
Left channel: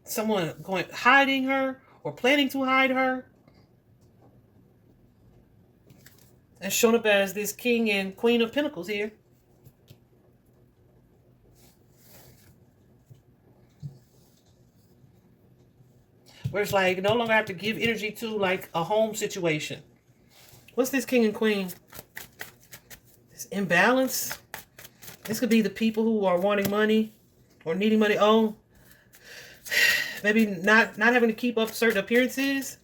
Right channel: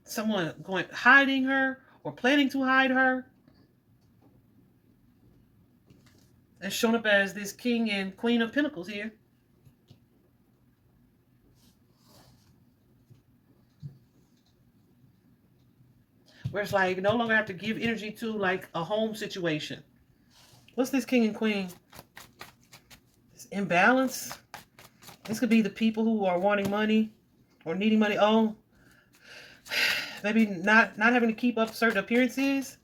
Someone hiding her or planning to hide her. And shown up as this King and Queen of Pentacles here. Where it's like, no longer have to give energy to like a home situation. What's this King and Queen? This imbalance. This could be the people who are wanting money or needing money. Oh, maybe not having to keep up certain appearances.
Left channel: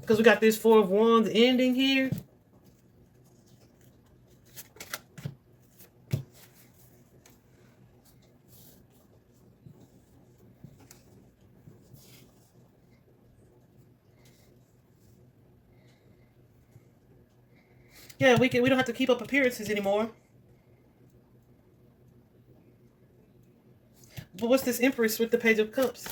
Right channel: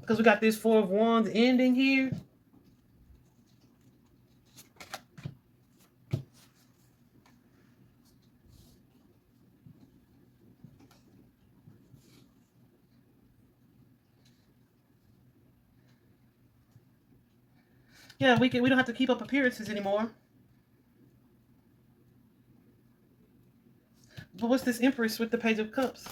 Because we got this 4 of Wands ending here. Yeah, we don't have to keep up appearances anymore. But what's this Empress with the Page of Cups?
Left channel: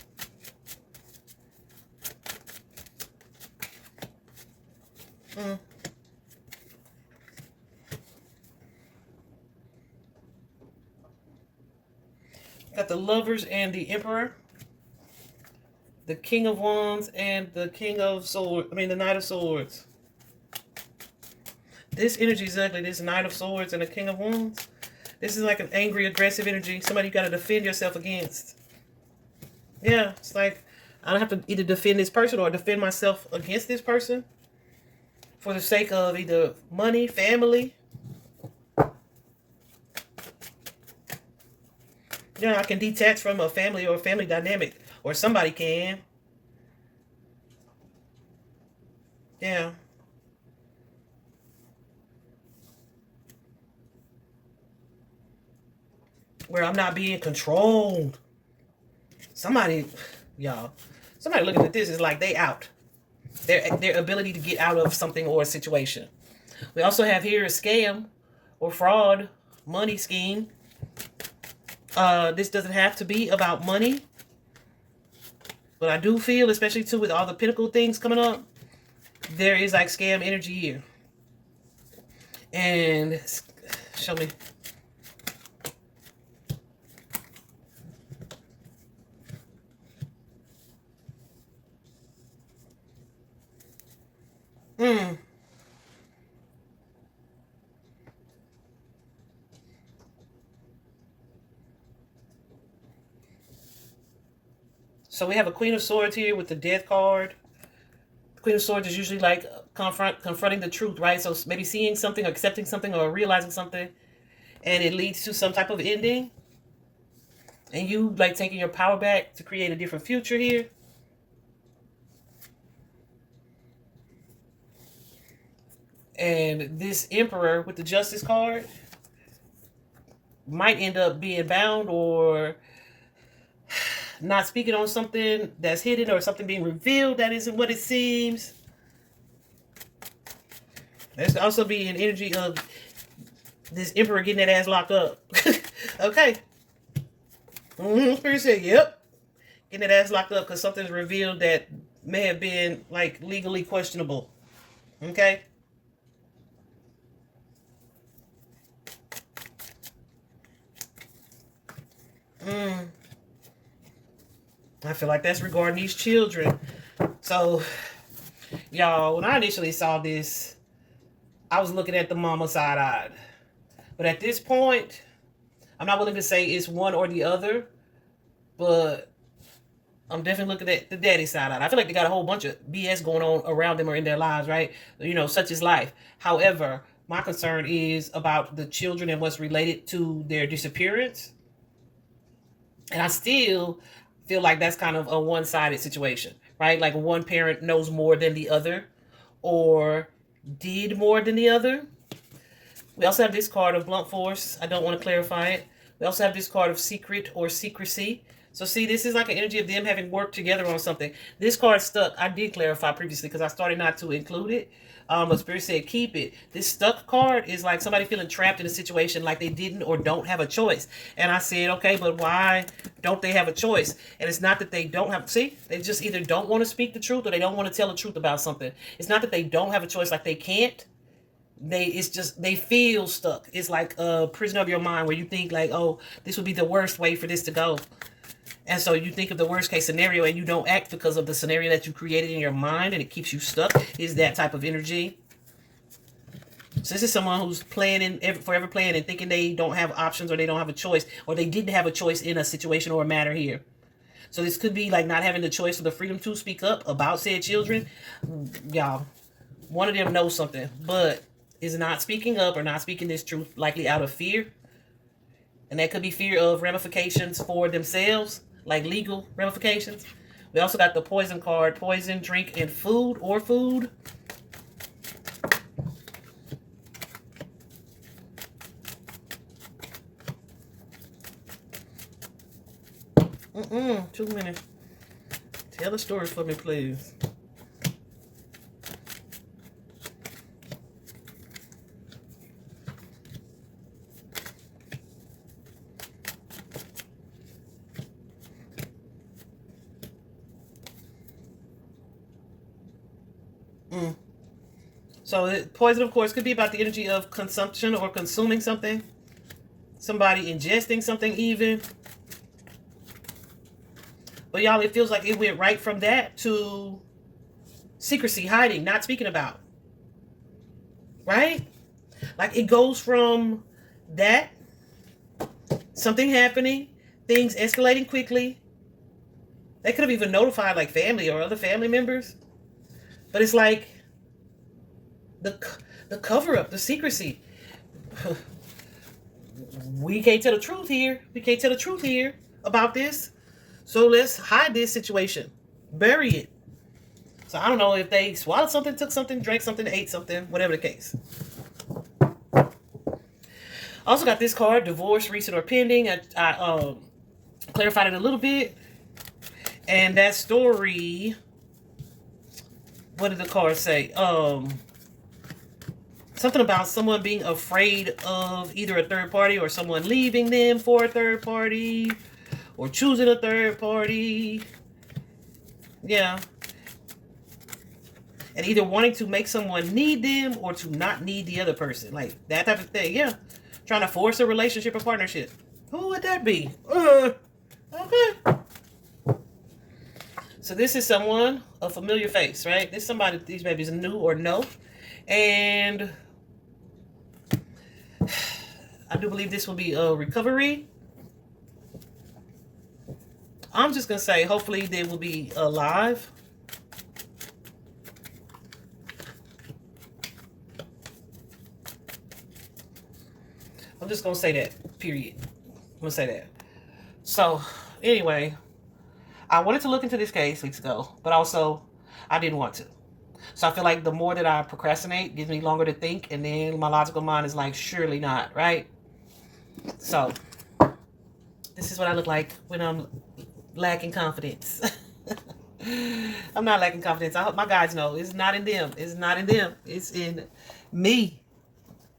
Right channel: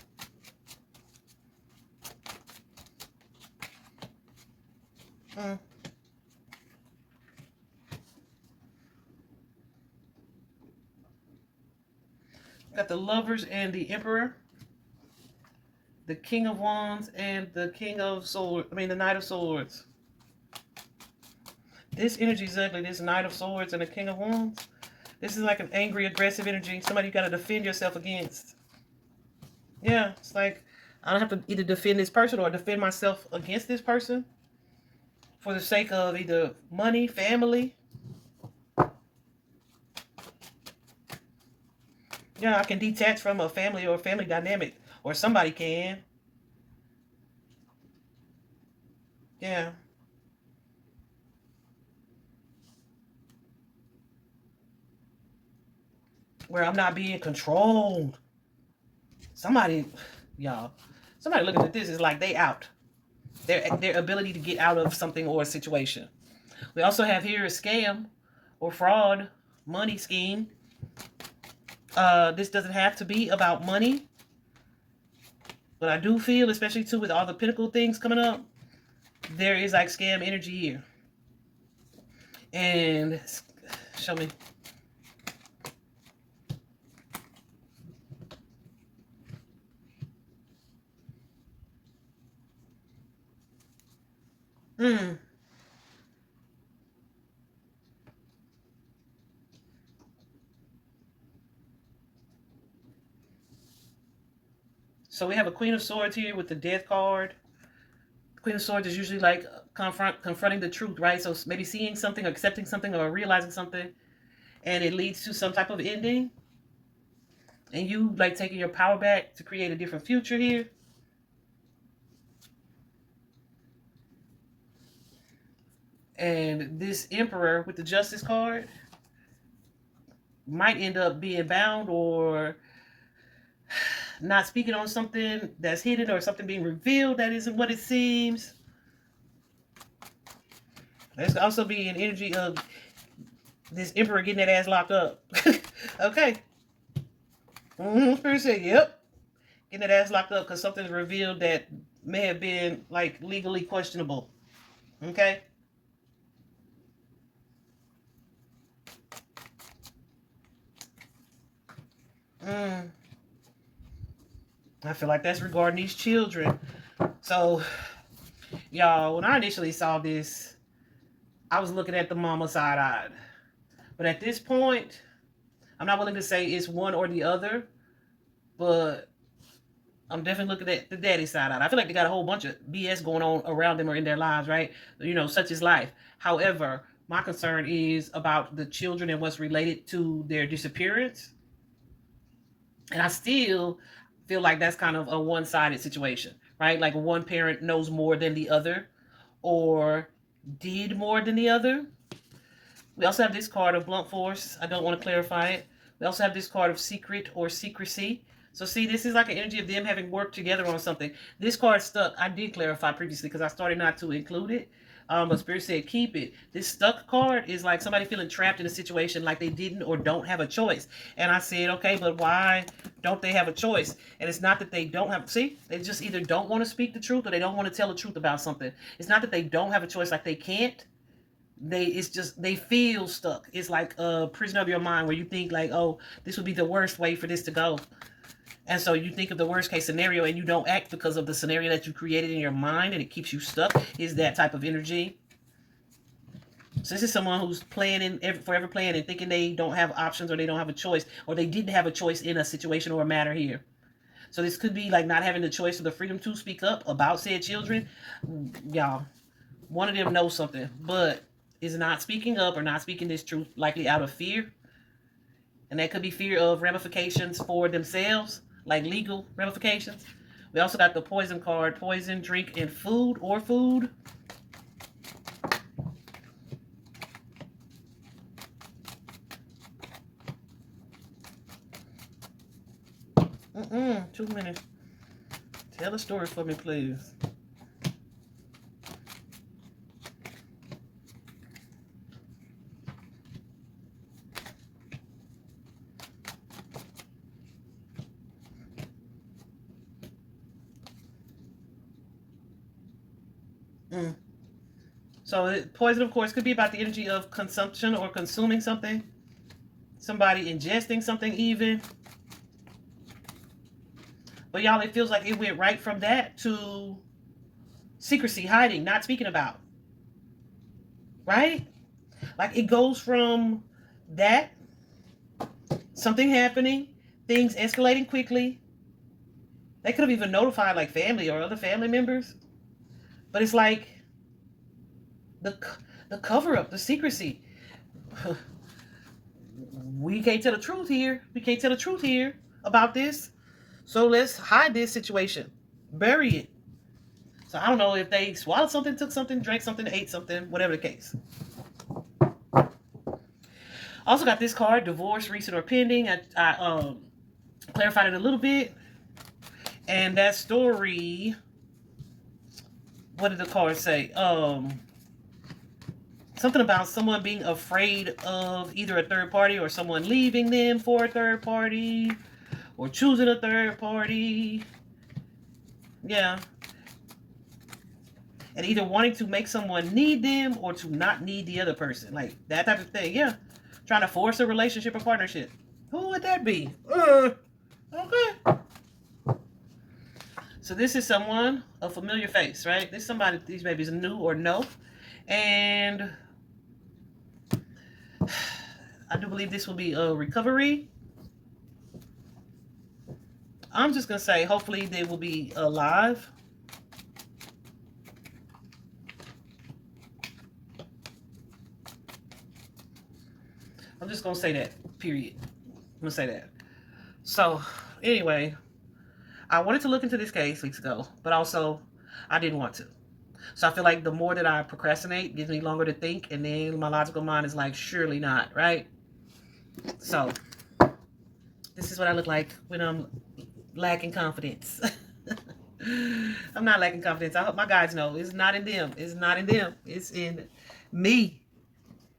Got the Lovers and the Emperor. The King of Wands and the King of Swords. I mean, the Knight of Swords. This energy is ugly. This Knight of Swords and the King of Wands. This is like an angry, aggressive energy. Somebody you got to defend yourself against. Yeah, it's like I don't have to either defend this person or defend myself against this person for the sake of either money, family. Yeah, I can detach from a family or a family dynamic, or somebody can. Yeah. Where I'm not being controlled. Somebody, y'all, somebody looking at this is like they out. Their ability to get out of something or a situation. We also have here a scam or fraud, money scheme. This doesn't have to be about money. But I do feel, especially too with all the Pinnacle things coming up, there is like scam energy here. And show me. So we have a Queen of Swords here with the Death card. Queen of Swords is usually like confronting the truth, right? So maybe seeing something, or accepting something, or realizing something, and it leads to some type of ending. And you like taking your power back to create a different future here. And this Emperor with the Justice card might end up being bound or not speaking on something that's hidden or something being revealed that isn't what it seems. There's also be an energy of this Emperor getting that ass locked up. Okay. Spirit said, yep. Getting that ass locked up because something's revealed that may have been like legally questionable. Okay. I feel like that's regarding these children. So, y'all, when I initially saw this, I was looking at the mama side-eyed. But at this point, I'm not willing to say it's one or the other, but I'm definitely looking at the daddy side-eyed. I feel like they got a whole bunch of BS going on around them or in their lives, right? You know, such is life. However, my concern is about the children and what's related to their disappearance. And I still feel like that's kind of a one-sided situation, right? Like one parent knows more than the other or did more than the other. We also have this card of blunt force. I don't want to clarify it. We also have this card of secret or secrecy. So see, this is like an energy of them having worked together on something. This card stuck. I did clarify previously because I started not to include it. But Spirit said keep it. This stuck card is like somebody feeling trapped in a situation like they didn't or don't have a choice. And I said, okay, but why don't they have a choice? And it's not that they don't have, see, they just either don't want to speak the truth or they don't want to tell the truth about something. It's not that they don't have a choice, like they can't. It's just, they feel stuck. It's like a prison of your mind where you think like, oh, this would be the worst way for this to go. And so you think of the worst case scenario and you don't act because of the scenario that you created in your mind and it keeps you stuck. Is that type of energy. So this is someone who's planning, forever planning and thinking they don't have options or they don't have a choice or they didn't have a choice in a situation or a matter here. So this could be like not having the choice or the freedom to speak up about said children. Y'all, one of them knows something, but is not speaking up or not speaking this truth, likely out of fear. And that could be fear of ramifications for themselves, like legal ramifications. We also got the poison card, poison, drink, and food or food. Too many. Tell a story for me, please. So poison, of course, could be about the energy of consumption or consuming something. Somebody ingesting something even. But y'all, it feels like it went right from that to secrecy, hiding, not speaking about. Right? Like it goes from that, something happening, things escalating quickly. They could have even notified like family or other family members. But it's like the cover-up, the secrecy. We can't tell the truth here. We can't tell the truth here about this. So let's hide this situation. Bury it. So I don't know if they swallowed something, took something, drank something, ate something, whatever the case. Also got this card, divorce, recent or pending. I clarified it a little bit. And that story, what did the card say? Something about someone being afraid of either a third party or someone leaving them for a third party or choosing a third party. Yeah. And either wanting to make someone need them or to not need the other person. Like that type of thing. Yeah. Trying to force a relationship or partnership. Who would that be? Okay. So this is someone, a familiar face, right? This is somebody, these babies new or no. And I do believe this will be a recovery. I'm just going to say, hopefully they will be alive. I'm just going to say that, period. I'm going to say that. So, anyway, I wanted to look into this case weeks ago, but also I didn't want to. So I feel like the more that I procrastinate, gives me longer to think, and then my logical mind is like, surely not, right? So this is what I look like when I'm lacking confidence. I'm not lacking confidence. I hope my guys know it's not in them. It's not in them. It's in me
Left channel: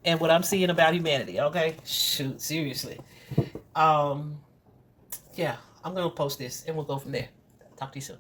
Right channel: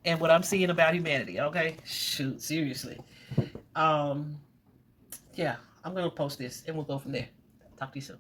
and what I'm seeing about humanity. Okay, shoot, seriously. Yeah, I'm gonna post this and we'll go from there. Talk to you soon.